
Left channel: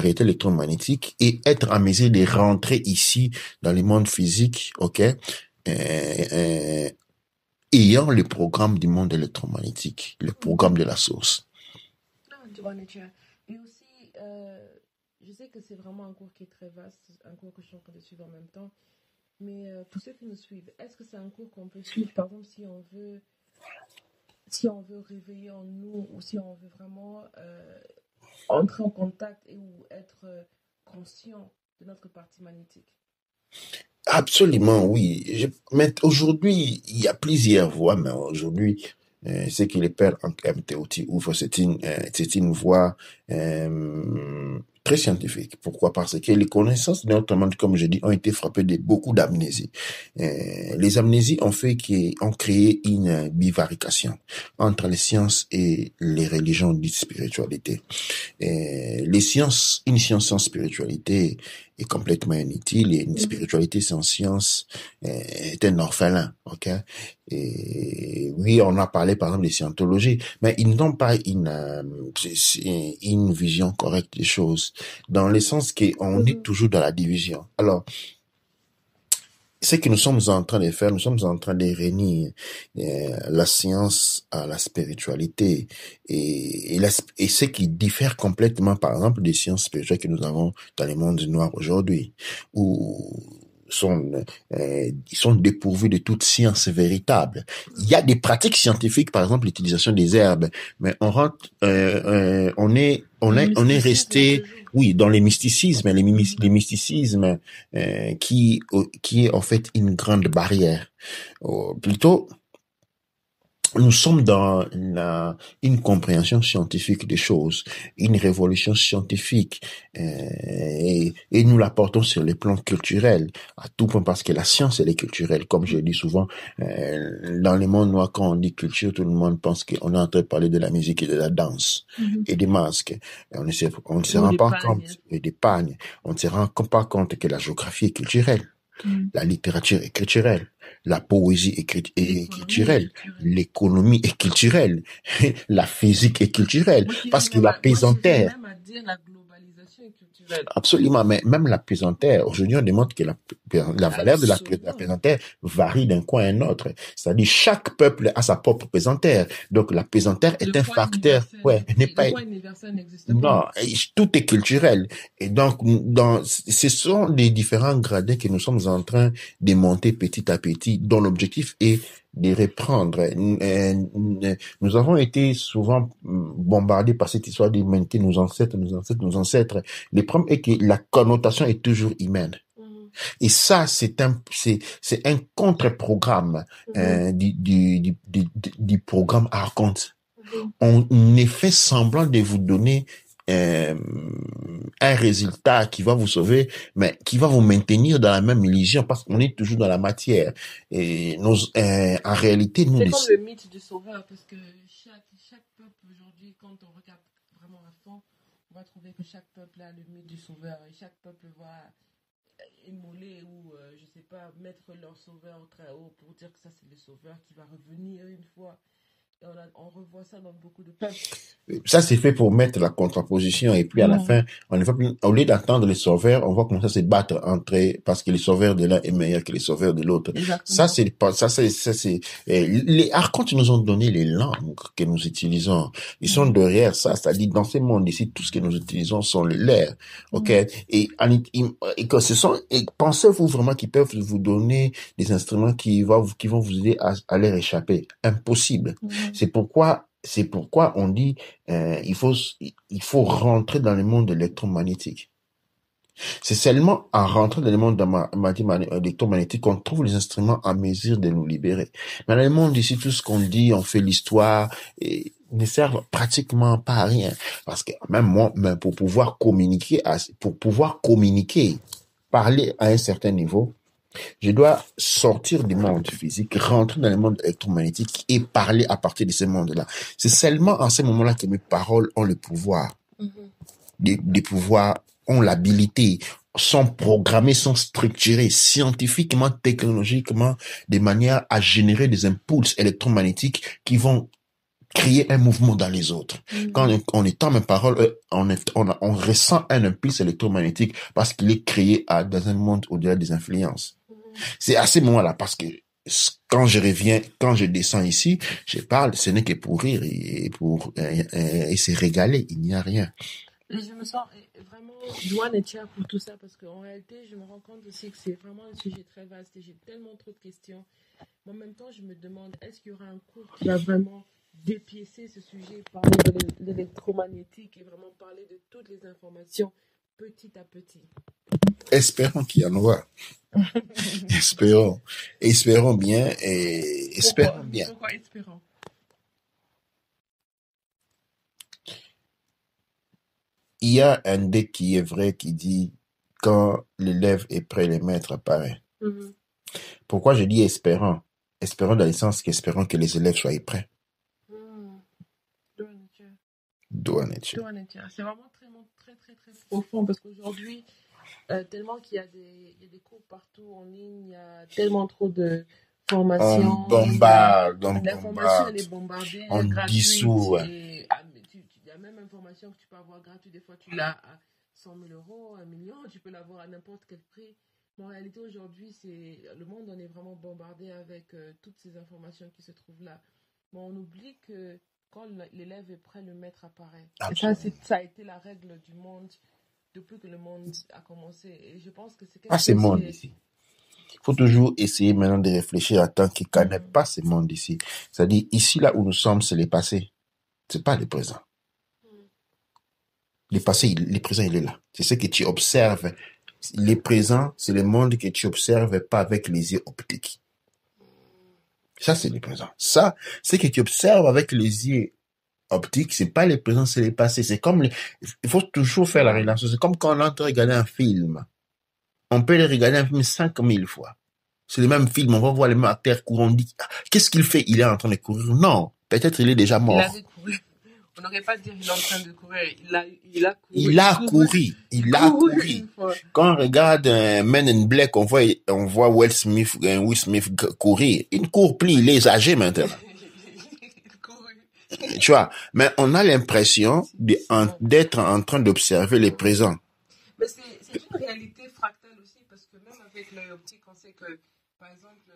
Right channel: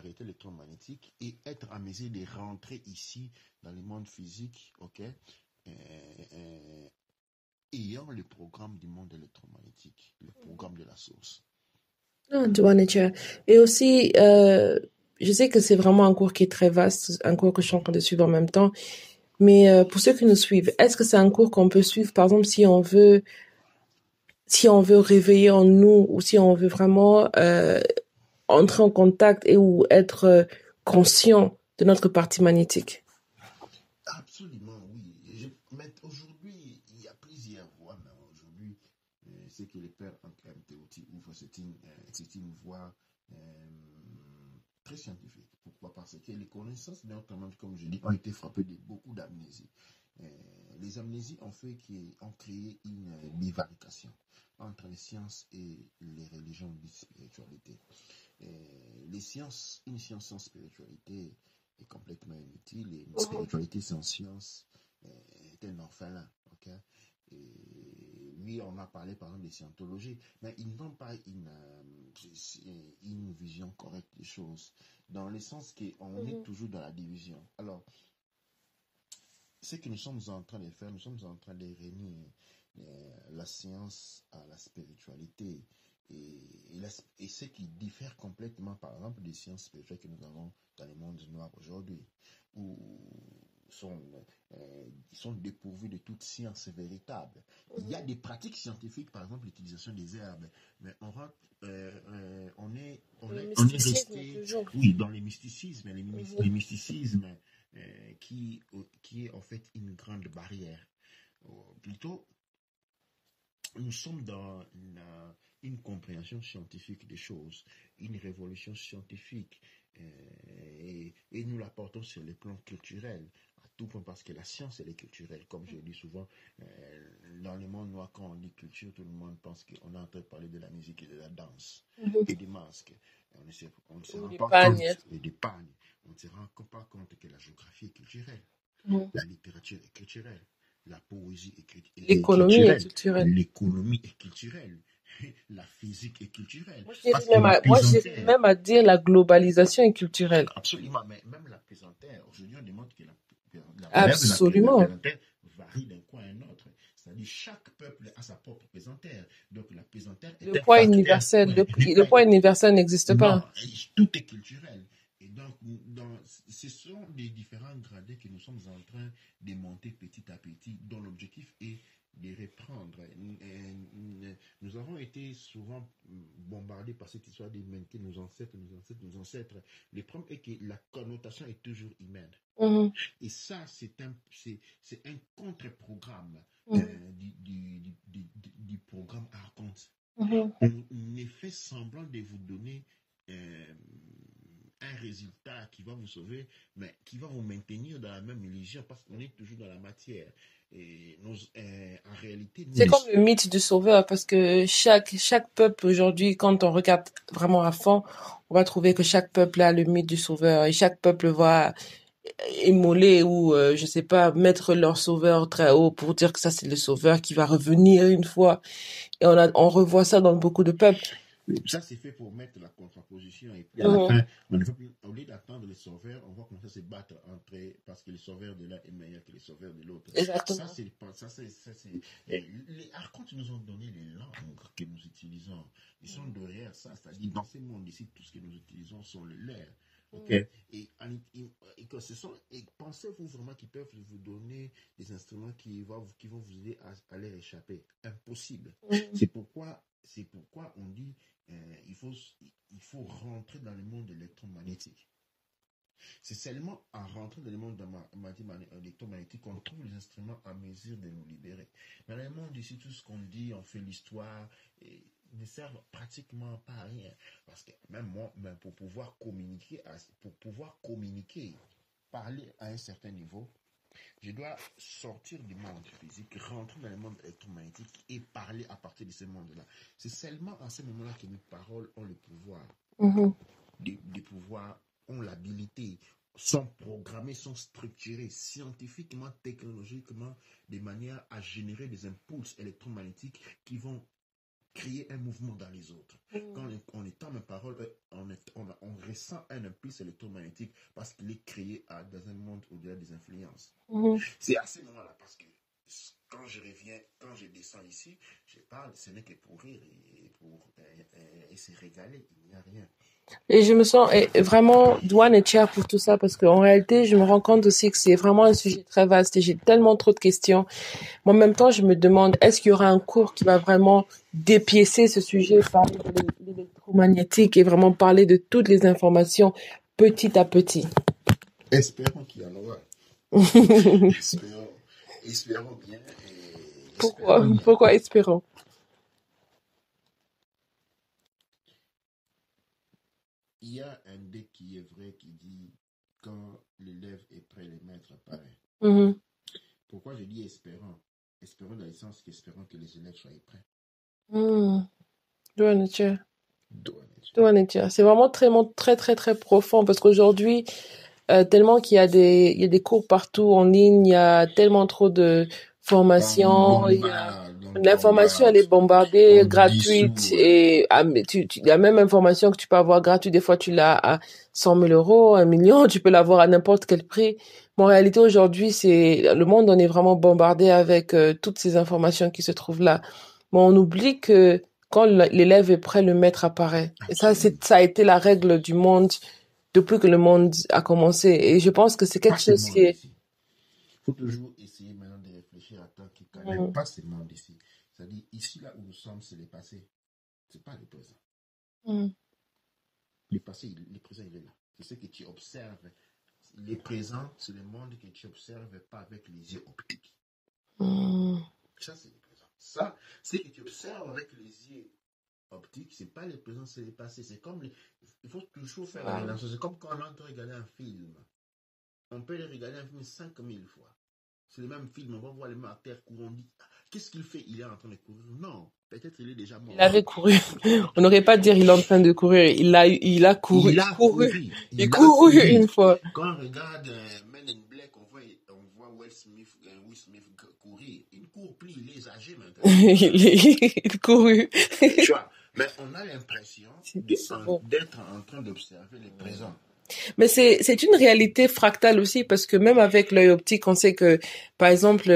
réalité électromagnétique et être en mesure de rentrer ici dans le monde physique, ok, ayant le programme du monde électromagnétique, le programme de la source. Et aussi, je sais que c'est vraiment un cours qui est très vaste, un cours que je suis en train de suivre en même temps. Mais pour ceux qui nous suivent, est-ce que c'est un cours qu'on peut suivre, par exemple, si on veut réveiller en nous ou si on veut vraiment entrer en contact et ou être conscient de notre partie magnétique? Absolument, oui. Mais aujourd'hui, il y a plusieurs voies, mais aujourd'hui, ce que les pères en MTOT ouvrent, c'est une voie très scientifique. Pourquoi? Parce que les connaissances de notre monde, comme je dis, ont été frappées de beaucoup d'amnésies. Les amnésies ont créé une bifurcation entre les sciences et les religions dites spiritualité. Une science sans spiritualité est complètement inutile et une spiritualité sans science est un orphelin, ok? Et oui, on a parlé par exemple de scientologie, mais ils n'ont pas une vision correcte des choses, dans le sens qu'on est toujours dans la division. Alors, ce que nous sommes en train de faire, nous sommes en train de réunir la science à la spiritualité et ce qui diffère complètement, par exemple, des sciences spirituelles que nous avons dans le monde noir aujourd'hui, où ils sont dépourvus de toute science véritable. Il y a des pratiques scientifiques, par exemple l'utilisation des herbes, mais on est resté, oui, dans les mysticismes, les mysticismes qui est en fait une grande barrière. Plutôt, nous sommes dans une compréhension scientifique des choses, une révolution scientifique, et nous l'apportons sur les plans culturels, à tout point, parce que la science, elle est culturelle. Comme je dis souvent, dans le monde noir, quand on dit culture, tout le monde pense qu'on est en train de parler de la musique et de la danse, et des masques. On ne se rend pas compte, et des pagnes. On ne se rend pas compte que la géographie est culturelle, la littérature est culturelle, la poésie est culturelle, l'économie est culturelle, la physique est culturelle, parce que la pesanteur... Moi, même à dire la globalisation est culturelle. Absolument, mais même la pesanteur, aujourd'hui on démontre que la valeur de la pesanteur varie d'un coin à un autre. C'est-à-dire chaque peuple a sa propre pesanteur, donc la pesanteur est un facteur... Le poids universel n'existe pas. Non, tout est culturel. Et donc, ce sont des différents gradés que nous sommes en train de monter petit à petit, dont l'objectif est de reprendre. Nous avons été souvent bombardés par cette histoire de maintenir nos ancêtres. Le problème est que la connotation est toujours humaine. Et ça, c'est un contre-programme du programme Archonte. On est fait semblant de vous donner un résultat qui va vous sauver, mais qui va vous maintenir dans la même illusion, parce qu'on est toujours dans la matière. Et en réalité, c'est comme le mythe du sauveur, parce que chaque peuple aujourd'hui, quand on regarde vraiment à fond, on va trouver que chaque peuple a le mythe du sauveur, et chaque peuple va émoler ou, je sais pas, mettre leur sauveur très haut pour dire que ça, c'est le sauveur qui va revenir une fois. Et on revoit ça dans beaucoup de peuples. Ça, c'est fait pour mettre la contraposition, et puis à la fin, au lieu d'attendre les sauveurs, on va commencer à se battre entre eux, parce que les sauveurs de l'un est meilleur que les sauveurs de l'autre. Ça, les archontes nous ont donné les langues que nous utilisons. Ils sont derrière ça, c'est-à-dire dans ce monde ici, tout ce que nous utilisons sont les leurs. Ok? Et pensez-vous vraiment qu'ils peuvent vous donner des instruments qui vont vous aider à leur échapper? Impossible. C'est pourquoi C'est pourquoi on dit il faut rentrer dans le monde électromagnétique. C'est seulement en rentrant dans le monde électromagnétique qu'on trouve les instruments en mesure de nous libérer. Mais dans le monde ici, tout ce qu'on dit, on fait l'histoire, et ne sert pratiquement pas à rien. Parce que même moi, pour pouvoir communiquer, parler à un certain niveau, je dois sortir du monde physique, rentrer dans le monde électromagnétique et parler à partir de ce monde-là. C'est seulement en ce moment-là que mes paroles ont le pouvoir. Des pouvoirs ont l'habilité, sont programmés, sont structurés scientifiquement, technologiquement, de manière à générer des impulses électromagnétiques qui vont créer un mouvement dans les autres. Quand on étend mes paroles, on ressent un impulse électromagnétique parce qu'il est créé dans un monde au-delà des influences. C'est à ce moment-là, parce que quand je descends ici, je parle, ce n'est que pour rire et se régaler, il n'y a rien. Et je me sens vraiment douane et fière pour tout ça parce qu'en réalité, je me rends compte aussi que c'est vraiment un sujet très vaste et j'ai tellement trop de questions. Mais en même temps, je me demande, est-ce qu'il y aura un cours qui va vraiment dépiécer ce sujet, parler de l'électromagnétique et vraiment parler de toutes les informations petit à petit? Espérons qu'il y en aura. Espérons bien et espérons bien. Pourquoi espérons? Il y a un dé qui est vrai qui dit quand l'élève est prêt, le maître apparaît. Pourquoi je dis espérons? Espérons dans le sens qu'espérons que les élèves soient prêts. C'est vraiment très, très, très profond parce qu'aujourd'hui, tellement qu'il y a des cours partout en ligne, il y a tellement trop de formations. L'information, elle est bombardée, gratuite. Et la même information que tu peux avoir gratuite, des fois tu l'as à 100 000 euros, 1 million, tu peux l'avoir à n'importe quel prix. Mais en réalité, aujourd'hui, le monde, on est vraiment bombardé avec toutes ces informations qui se trouvent là. Mais on oublie que quand l'élève est prêt, le maître apparaît. Absolument. Et ça a été la règle du monde depuis que le monde a commencé. Et je pense que c'est quelque chose qui est... Il faut toujours essayer maintenant de réfléchir à tant qu'il ne connaît pas ce monde ici. C'est-à-dire, ici, là où nous sommes, c'est le passé. Ce n'est pas le présent. Le passé, le présent, il est là. C'est ce que tu observes. Le présent, c'est le monde que tu observes pas avec les yeux optiques. Ça, c'est le présent. Ça, ce que tu observes avec les yeux optiques, c'est pas le présent, c'est le passé. C'est comme il faut toujours faire la relation. C'est comme quand on entre regarder un film. On peut le regarder un film 5000 fois. C'est le même film, on va voir le même acteur courir, on dit, qu'est-ce qu'il fait? Il est en train de courir. Non, peut-être il est déjà mort. Il avait couru. On n'aurait pas dire il est en train de courir. Il a couru. Il a couru une fois. Quand on regarde Men in Black, on voit Will Smith courir. Il ne court plus, il est âgé maintenant. il couru. Tu vois, mais on a l'impression d'être en train d'observer le présent. Mais c'est une réalité fractale aussi parce que même avec l'œil optique, on sait que, par exemple,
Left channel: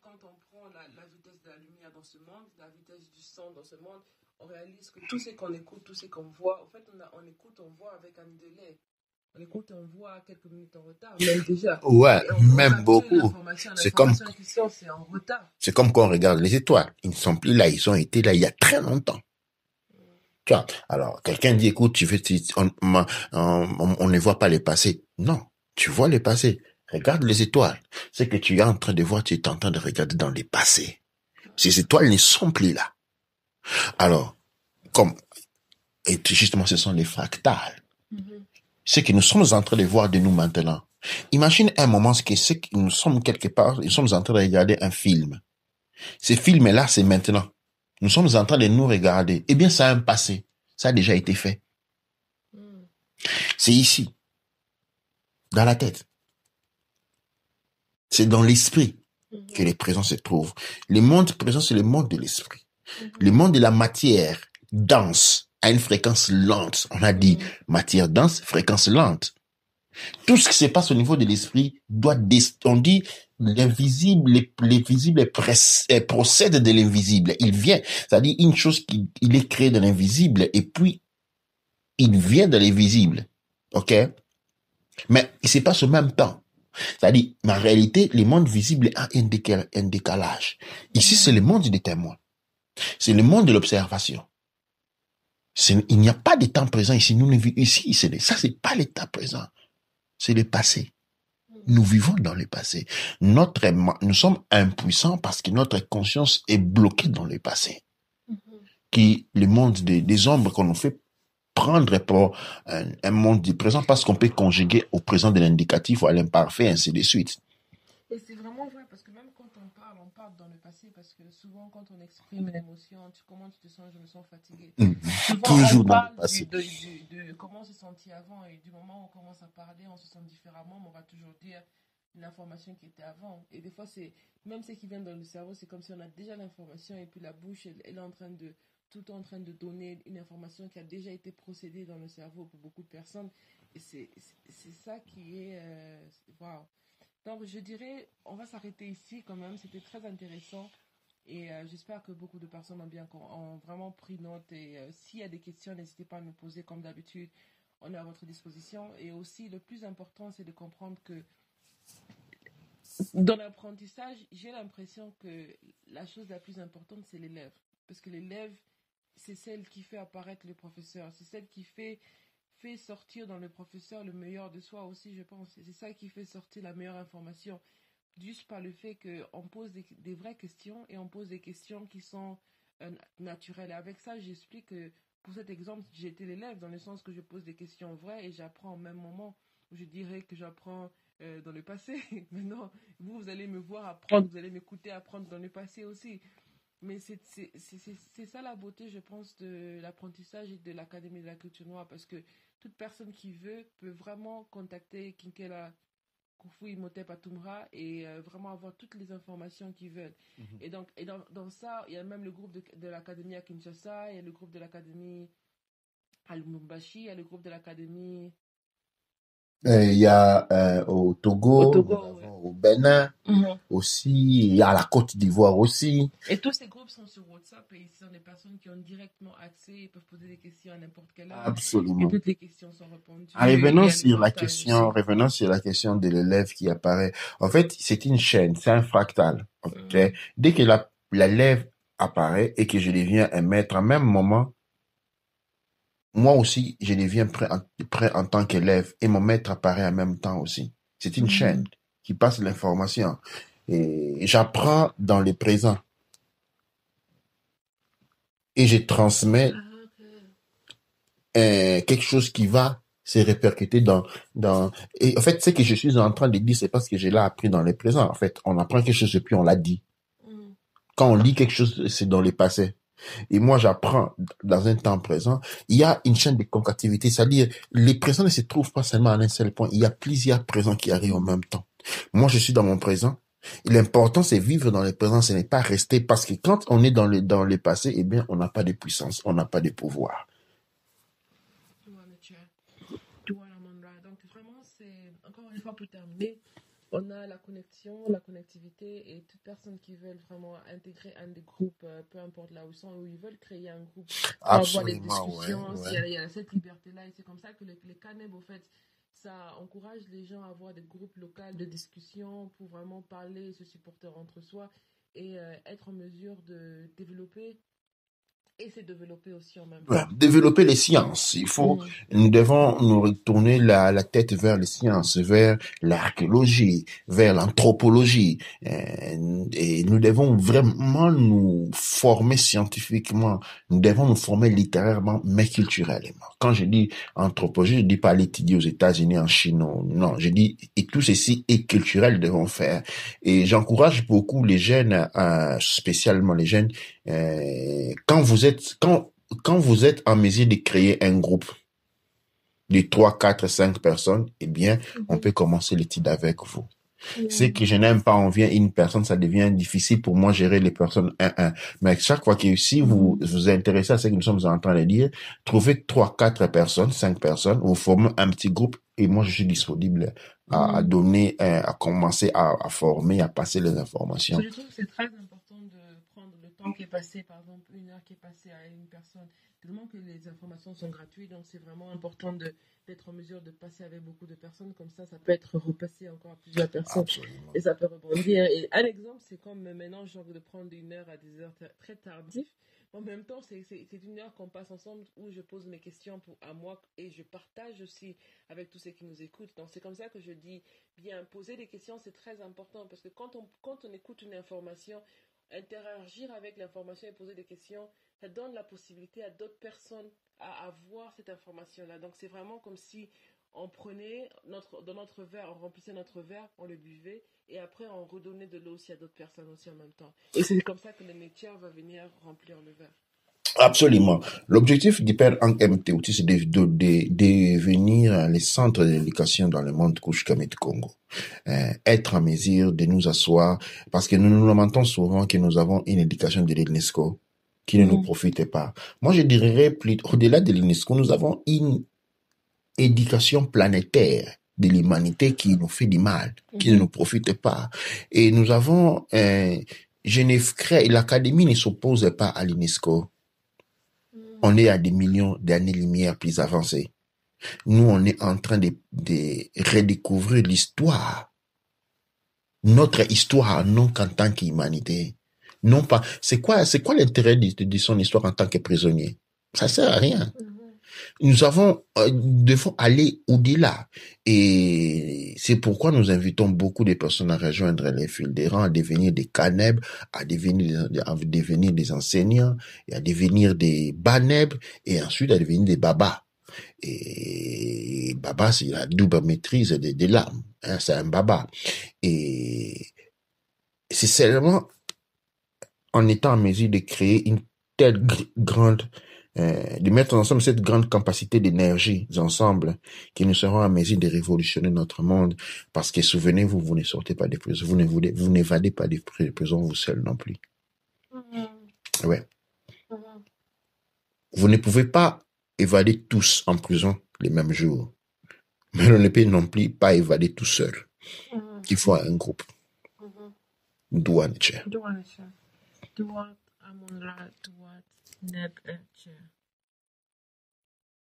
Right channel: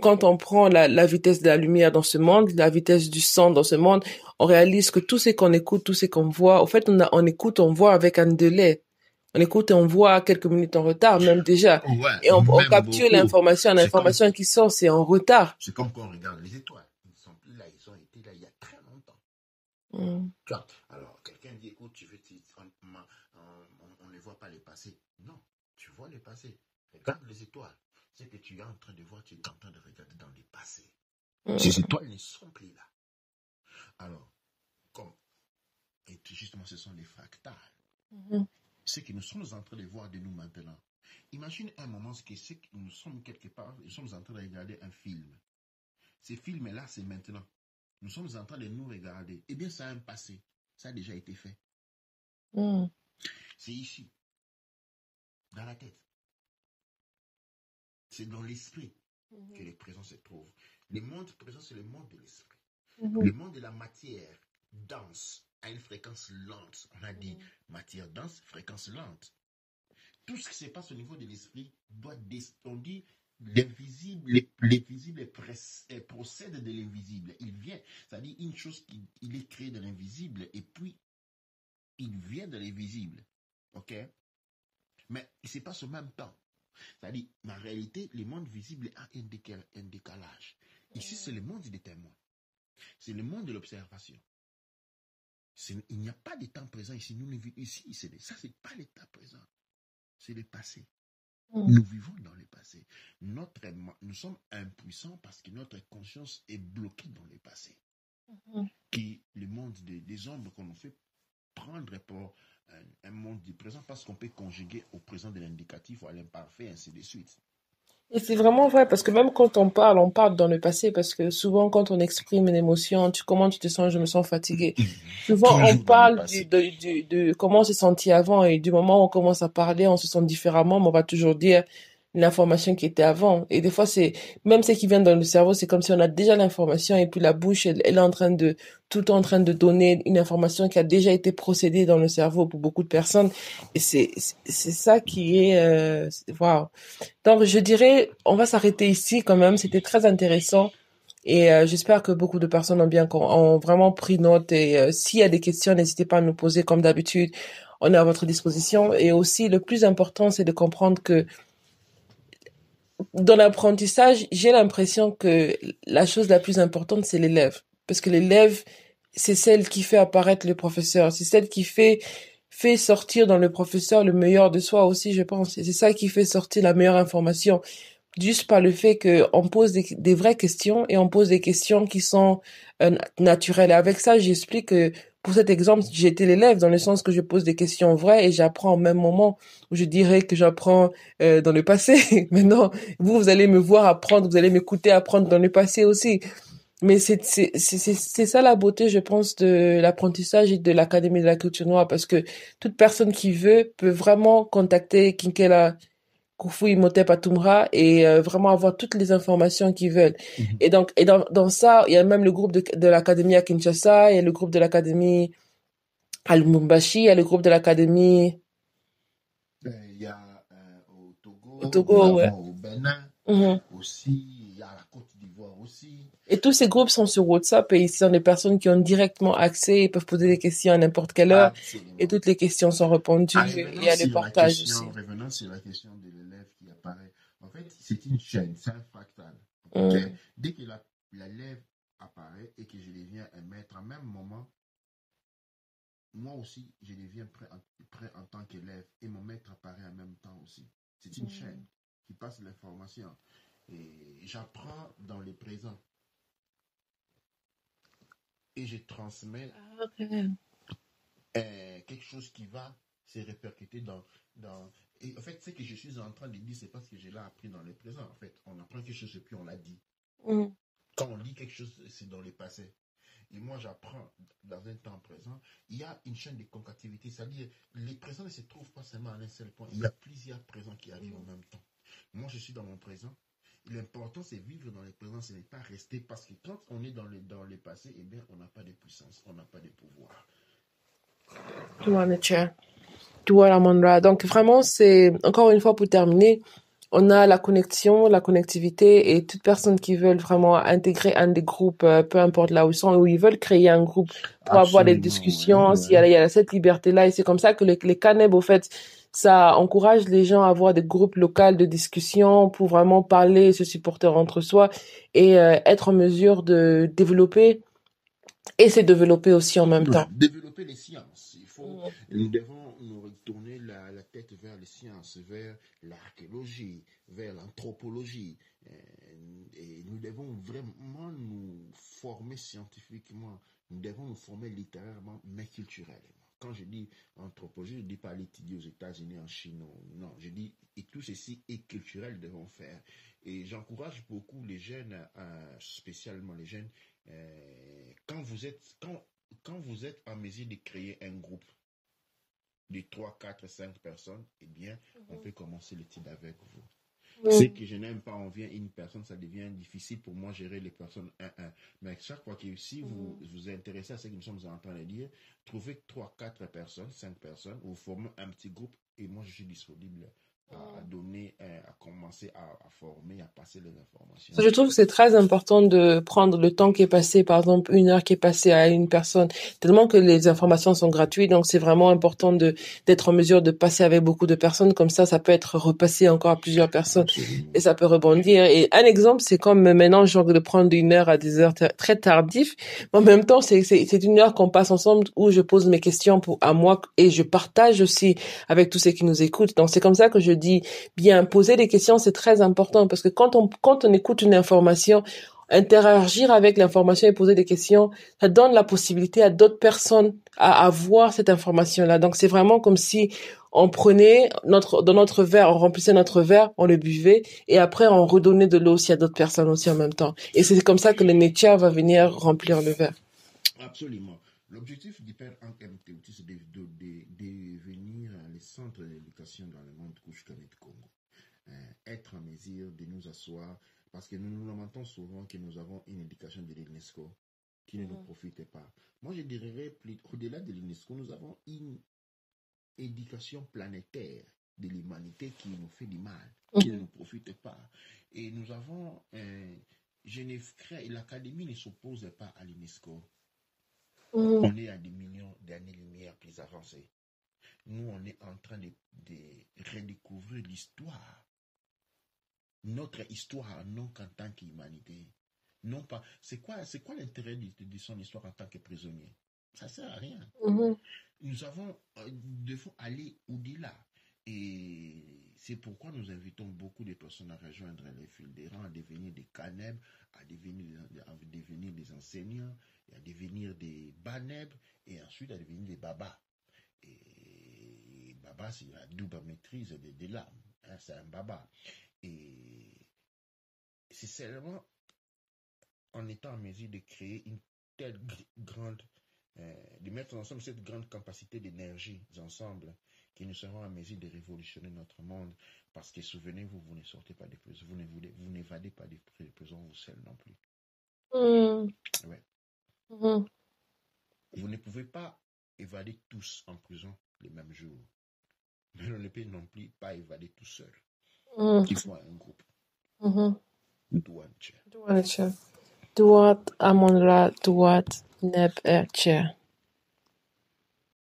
quand on prend la vitesse de la lumière dans ce monde, la vitesse du son dans ce monde, on réalise que tout ce qu'on écoute, tout ce qu'on voit, en fait, on écoute, on voit avec un délai. On écoute et on voit quelques minutes en retard, même déjà. Ouais, et on capture l'information qui sort, c'est en retard. C'est comme quand on regarde les étoiles. Ils ne sont plus là, ils ont été là il y a très longtemps. Tu vois, alors quelqu'un dit écoute, on ne voit pas les passés. Non, tu vois les passés. Regarde les étoiles. Ce que tu es en train de voir, tu es en train de regarder dans les passés. Ces étoiles ne sont plus là. Alors, et justement, ce sont les fractales. Ce que nous sommes en train de voir de nous maintenant. Imagine un moment que nous sommes quelque part, nous sommes en train de regarder un film. Ce film-là, c'est maintenant. Nous sommes en train de nous regarder. Eh bien, ça a un passé. Ça a déjà été fait. C'est ici. Dans la tête. C'est dans l'esprit que les présents se trouvent. Le monde présent, c'est le monde de l'esprit. Le monde de la matière dense à une fréquence lente. On a dit matière dense, fréquence lente. Tout ce qui se passe au niveau de l'esprit on dit l'invisible, les visibles procèdent de l'invisible. Il vient, c'est-à-dire une chose il est créé de l'invisible et puis il vient de l'invisible. OK? Mais il se passe au même temps. C'est-à-dire, en réalité, le monde visible a un décalage. Ici, c'est le monde des témoins. C'est le monde de l'observation. Il n'y a pas de temps présent ici. Ici, ça, c'est pas l'état présent. C'est le passé. Nous vivons dans le passé. Nous sommes impuissants parce que notre conscience est bloquée dans le passé. Le monde des ombres qu'on nous fait prendre pour un monde du présent parce qu'on peut conjuguer au présent de l'indicatif ou à l'imparfait, ainsi de suite. Et c'est vraiment vrai, parce que même quand on parle dans le passé, parce que souvent quand on exprime une émotion, comment tu te sens, je me sens fatigué. Souvent on parle de comment on s'est senti avant, et du moment où on commence à parler, on se sent différemment, mais on va toujours dire l'information qui était avant. Et des fois, même ce qui vient dans le cerveau, c'est comme si on a déjà l'information, et puis la bouche, elle est tout en train de donner une information qui a déjà été procédée dans le cerveau pour beaucoup de personnes. Et c'est ça qui est, waouh. Donc, je dirais, on va s'arrêter ici quand même. C'était très intéressant. Et j'espère que beaucoup de personnes ont vraiment pris note. Et s'il y a des questions, n'hésitez pas à nous poser comme d'habitude. On est à votre disposition. Et aussi, le plus important, c'est de comprendre que dans l'apprentissage, j'ai l'impression que la chose la plus importante, c'est l'élève. Parce que l'élève, c'est celle qui fait apparaître le professeur. C'est celle qui fait sortir dans le professeur le meilleur de soi aussi, je pense. Et c'est ça qui fait sortir la meilleure information. Juste par le fait qu'on pose des vraies questions, et on pose des questions qui sont naturelles. Et avec ça, j'explique que pour cet exemple, j'ai été l'élève dans le sens que je pose des questions vraies et j'apprends au même moment où je dirais que j'apprends dans le passé. Maintenant, vous allez me voir apprendre, vous allez m'écouter apprendre dans le passé aussi. Mais c'est ça la beauté, je pense, de l'apprentissage et de l'Académie de la culture noire, parce que toute personne qui veut peut vraiment contacter Kinkela Kufu Imhotep Atumra et vraiment avoir toutes les informations qu'ils veulent. Et donc, dans ça, il y a même le groupe de l'Académie à Kinshasa, il y a le groupe de l'Académie à Lubumbashi, il y a le groupe de l'Académie Il y a au Togo, nous avons ouais. au Bénin aussi, il y a la Côte d'Ivoire aussi. Et tous ces groupes sont sur WhatsApp et ce sont des personnes qui ont directement accès, ils peuvent poser des questions à n'importe quelle heure. Absolument. Et toutes les questions sont répondues. Revenons sur la question de l'élève qui apparaît. En fait, c'est une chaîne, c'est un fractal. Okay? Dès que l'élève apparaît et que je deviens un maître, en même moment, moi aussi, je deviens prêt en tant qu'élève et mon maître apparaît en même temps aussi. C'est une chaîne qui passe l'information. Et j'apprends dans le présent. Et je transmets quelque chose qui va se répercuter dans... Et en fait, ce que je suis en train de dire, c'est parce que je l'ai appris dans le présent. En fait, on apprend quelque chose et puis on l'a dit. Quand on lit quelque chose, c'est dans le passé. Et moi, j'apprends dans un temps présent. Il y a une chaîne de concativité, c'est-à-dire les présents ne se trouvent pas seulement à un seul point. Il y a plusieurs présents qui arrivent en même temps. Moi, je suis dans mon présent. L'important, c'est vivre dans le présent, ce n'est pas rester, parce que quand on est dans le passé, eh bien, on n'a pas de puissance, on n'a pas de pouvoir. Donc, vraiment, c'est, encore une fois, pour terminer, on a la connexion, la connectivité, et toute personne qui veut vraiment intégrer un des groupes, peu importe là où ils sont, où ils veulent créer un groupe pour avoir des discussions, il y a cette liberté-là. Et c'est comme ça que les CANEB, au fait, ça encourage les gens à avoir des groupes locaux de discussion pour vraiment parler et se supporter entre soi et être en mesure de développer et se développer aussi en même temps. Développer les sciences. Nous devons nous retourner la tête vers les sciences, vers l'archéologie, vers l'anthropologie. Et nous devons vraiment nous former scientifiquement. Nous devons nous former littérairement, mais culturellement. Quand je dis anthropologie, je dis pas l'étudier aux États-Unis, en Chine, non. Je dis, et tout ceci est culturel, devons faire. Et j'encourage beaucoup les jeunes, spécialement les jeunes, quand vous êtes en mesure de créer un groupe de 3, 4, 5 personnes, eh bien, on peut commencer l'étude avec vous. Ce que je n'aime pas, on vient une personne, ça devient difficile pour moi gérer les personnes 1-1. Mais chaque fois que si vous vous intéressez à ce que nous sommes en train de dire, trouvez 3, 4 personnes, 5 personnes, vous formez un petit groupe Et moi, je suis disponible à donner, à commencer à former, à passer les informations. Je trouve que c'est très important de prendre le temps qui est passé, par exemple, 1 heure qui est passée à une personne, tellement que les informations sont gratuites. Donc, c'est vraiment important d'être en mesure de passer avec beaucoup de personnes. Comme ça peut être repassé encore à plusieurs personnes. Absolument. Et ça peut rebondir. Et un exemple, c'est comme maintenant, genre de prendre 1 heure à des heures très tardives. Mais en même temps, c'est 1 heure qu'on passe ensemble où je pose mes questions à moi et je partage aussi avec tous ceux qui nous écoutent. Donc, c'est comme ça que je dis, bien, poser des questions, c'est très important parce que quand on écoute une information, interagir avec l'information et poser des questions, ça donne la possibilité à d'autres personnes à voir cette information-là. Donc, c'est vraiment comme si on prenait dans notre verre, on remplissait notre verre, on le buvait et après on redonnait de l'eau aussi à d'autres personnes aussi en même temps. Et c'est comme ça que le nature va venir remplir le verre. Absolument. L'objectif d'Hyper Hank MTOT, c'est de devenir les centres d'éducation dans le monde Kouchkame du Congo. Être en mesure de nous asseoir, parce que nous nous lamentons souvent que nous avons une éducation de l'UNESCO qui ne nous profite pas. Moi, je dirais plus, au-delà de l'UNESCO, nous avons une éducation planétaire de l'humanité qui nous fait du mal, qui ne nous profite pas. Et nous avons, l'Académie ne s'oppose pas à l'UNESCO. On est à des millions d'années-lumière plus avancés. Nous, on est en train de redécouvrir l'histoire. Notre histoire, non qu'en tant qu'humanité. Non pas. C'est quoi l'intérêt de son histoire en tant que prisonnier? Ça sert à rien. Nous devons aller au-delà. Et c'est pourquoi nous invitons beaucoup de personnes à rejoindre les fils des rangs, à devenir des canèbres, à devenir des enseignants, et à devenir des banèbres, et ensuite à devenir des babas. Et baba, c'est la double maîtrise des larmes. Hein, c'est un baba. Et c'est seulement en étant en mesure de créer une telle grande de mettre ensemble cette grande capacité d'énergie ensemble, que nous serons en mesure de révolutionner notre monde. Parce que souvenez-vous, vous ne sortez pas des prisons, vous n'évadez pas des prisons vous seul non plus. Ouais. Vous ne pouvez pas évader tous en prison les mêmes jours. Mais on ne peut non plus pas évader tout seul. Il faut un groupe. Douane. Douane. Douane Amonra, Douane Neb Erche.